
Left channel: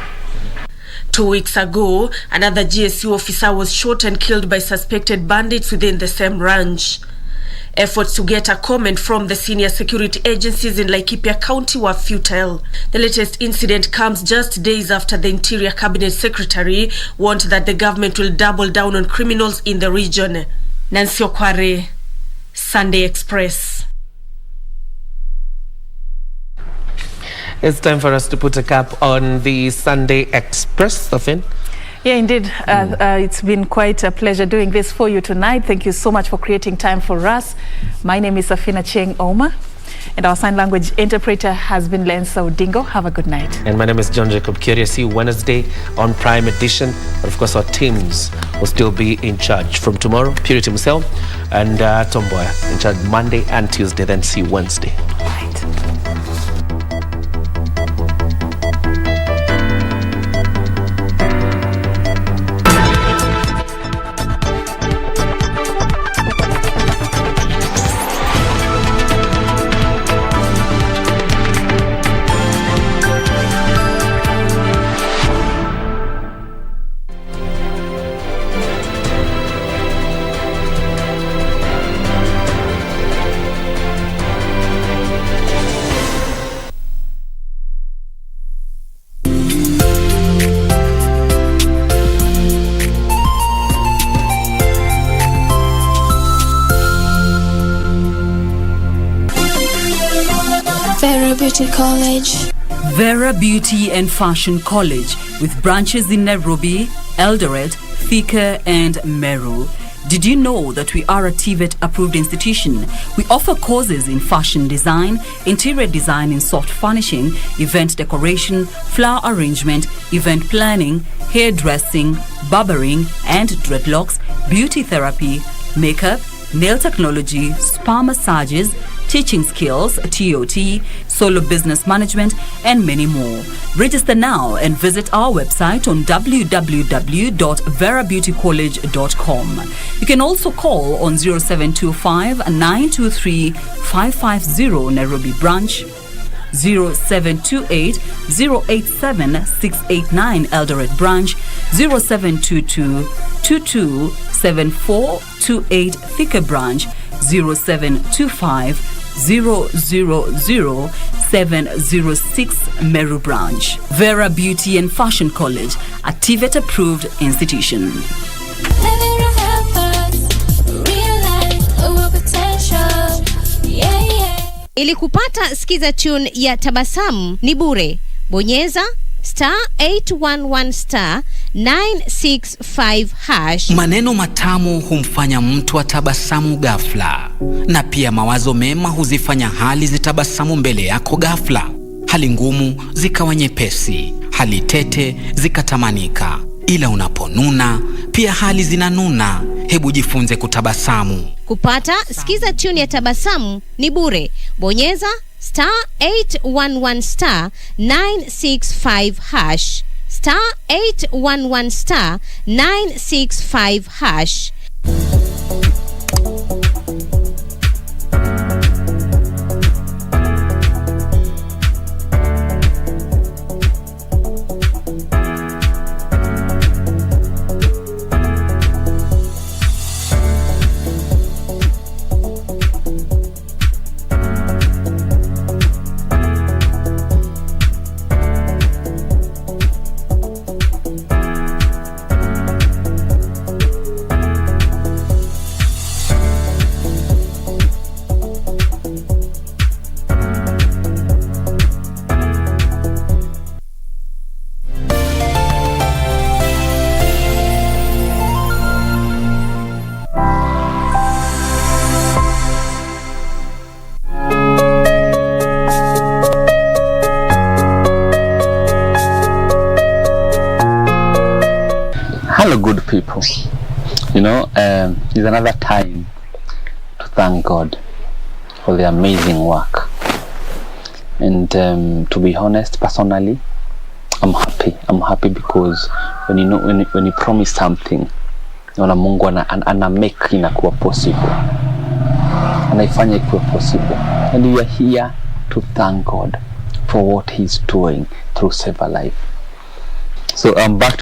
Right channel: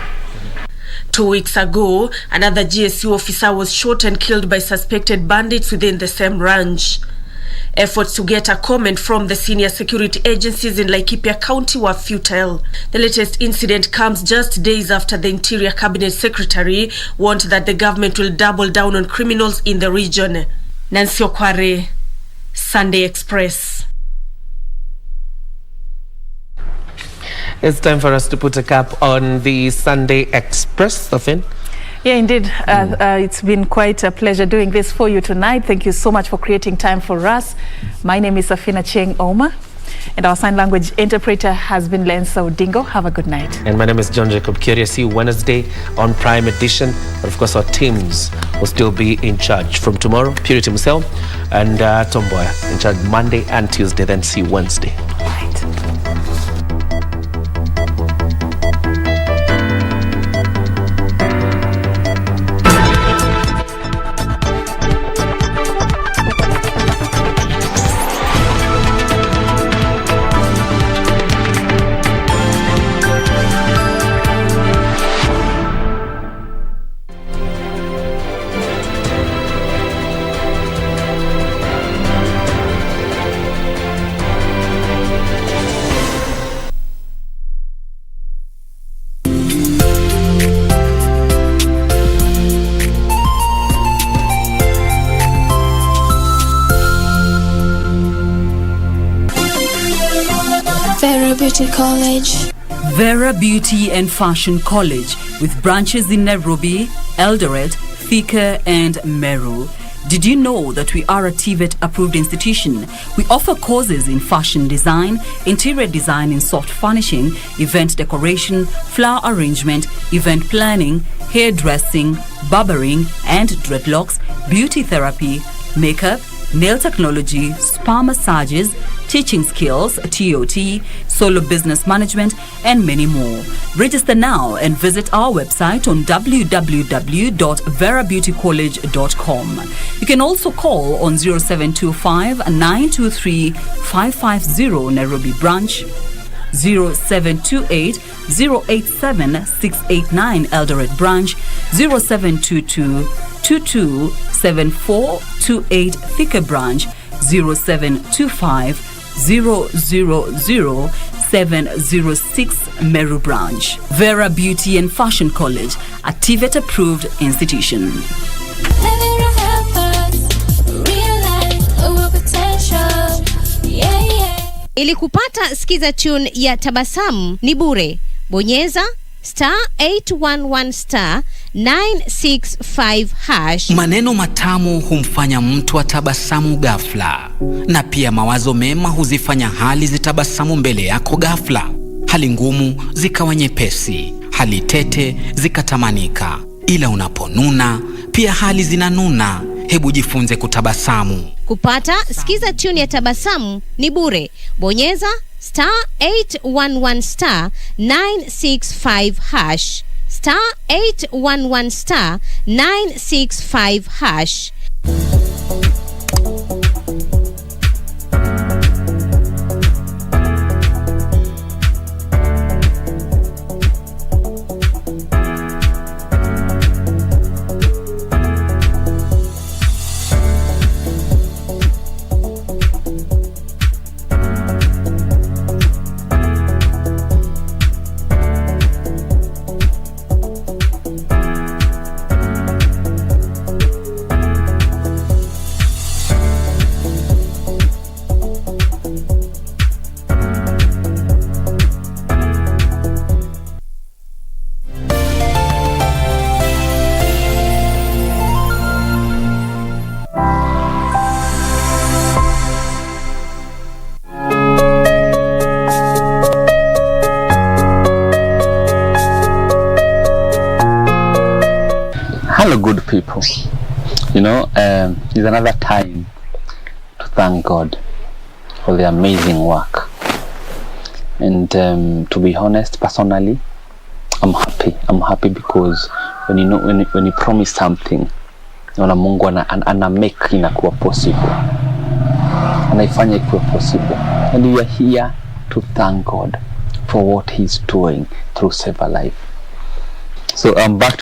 2 weeks ago, another GSU officer was shot and killed by suspected bandits within the same ranch. Efforts to get a comment from the senior security agencies in Laikipia County were futile. The latest incident comes just days after the Interior Cabinet Secretary warned that the government will double down on criminals in the region. Nancy Okware, Sunday Express. It's time for us to put a cap on the Sunday Express, Safin. Yeah, indeed. It's been quite a pleasure doing this for you tonight. Thank you so much for creating time for us. My name is Safina Cheng Oma, and our sign language interpreter has been Lensa Odingo. Have a good night. And my name is John Jacob Curia. See you Wednesday on Prime Edition. But of course, our teams will still be in charge from tomorrow. Purity himself and Tomboya in charge Monday and Tuesday. Then see you Wednesday. College. Vera Beauty and Fashion College, with branches in Nairobi, Eldoret, Thika and Meru. Did you know that we are a TVET approved institution? We offer courses in fashion design, interior design in soft furnishing, event decoration, flower arrangement, event planning, hairdressing, barbering and dreadlocks, beauty therapy, makeup, nail technology, spa spa massages, teaching skills, TOT, solo business management, and many more. Register now and visit our website on www.verabeautycollege.com. You can also call on 0725-923-550 Nairobi branch, 0728-087-689 Eldoret branch, 0722-227428 Thika branch, 0725-000-706 Meru branch. Vera Beauty and Fashion College, a TVET approved institution. Ili kupata skiza tune ya Tabasamu ni bure. Bonyeza *811*965#. Maneno matamu humfanya mtu atabasamu ghafla, na pia mawazo mema huzifanya hali zitabasamu mbele yako ghafla. Hali ngumu zikawa nyepesi, hali tete zikatamanika. Ila unaponuna pia hali zinanuna. Hebu jifunze kutabasamu. Kupata skiza tune ya Tabasamu ni bure. Bonyeza *811*965#, *811*965#. Hello, good people. You know, it's another time to thank God for the amazing work. And to be honest, personally, I'm happy. I'm happy because when you promise something, Mungu ana make inakuwa possible. Anaifanya ikuwe possible. And we are here to thank God for what He's doing through Save a Life. So I'm back to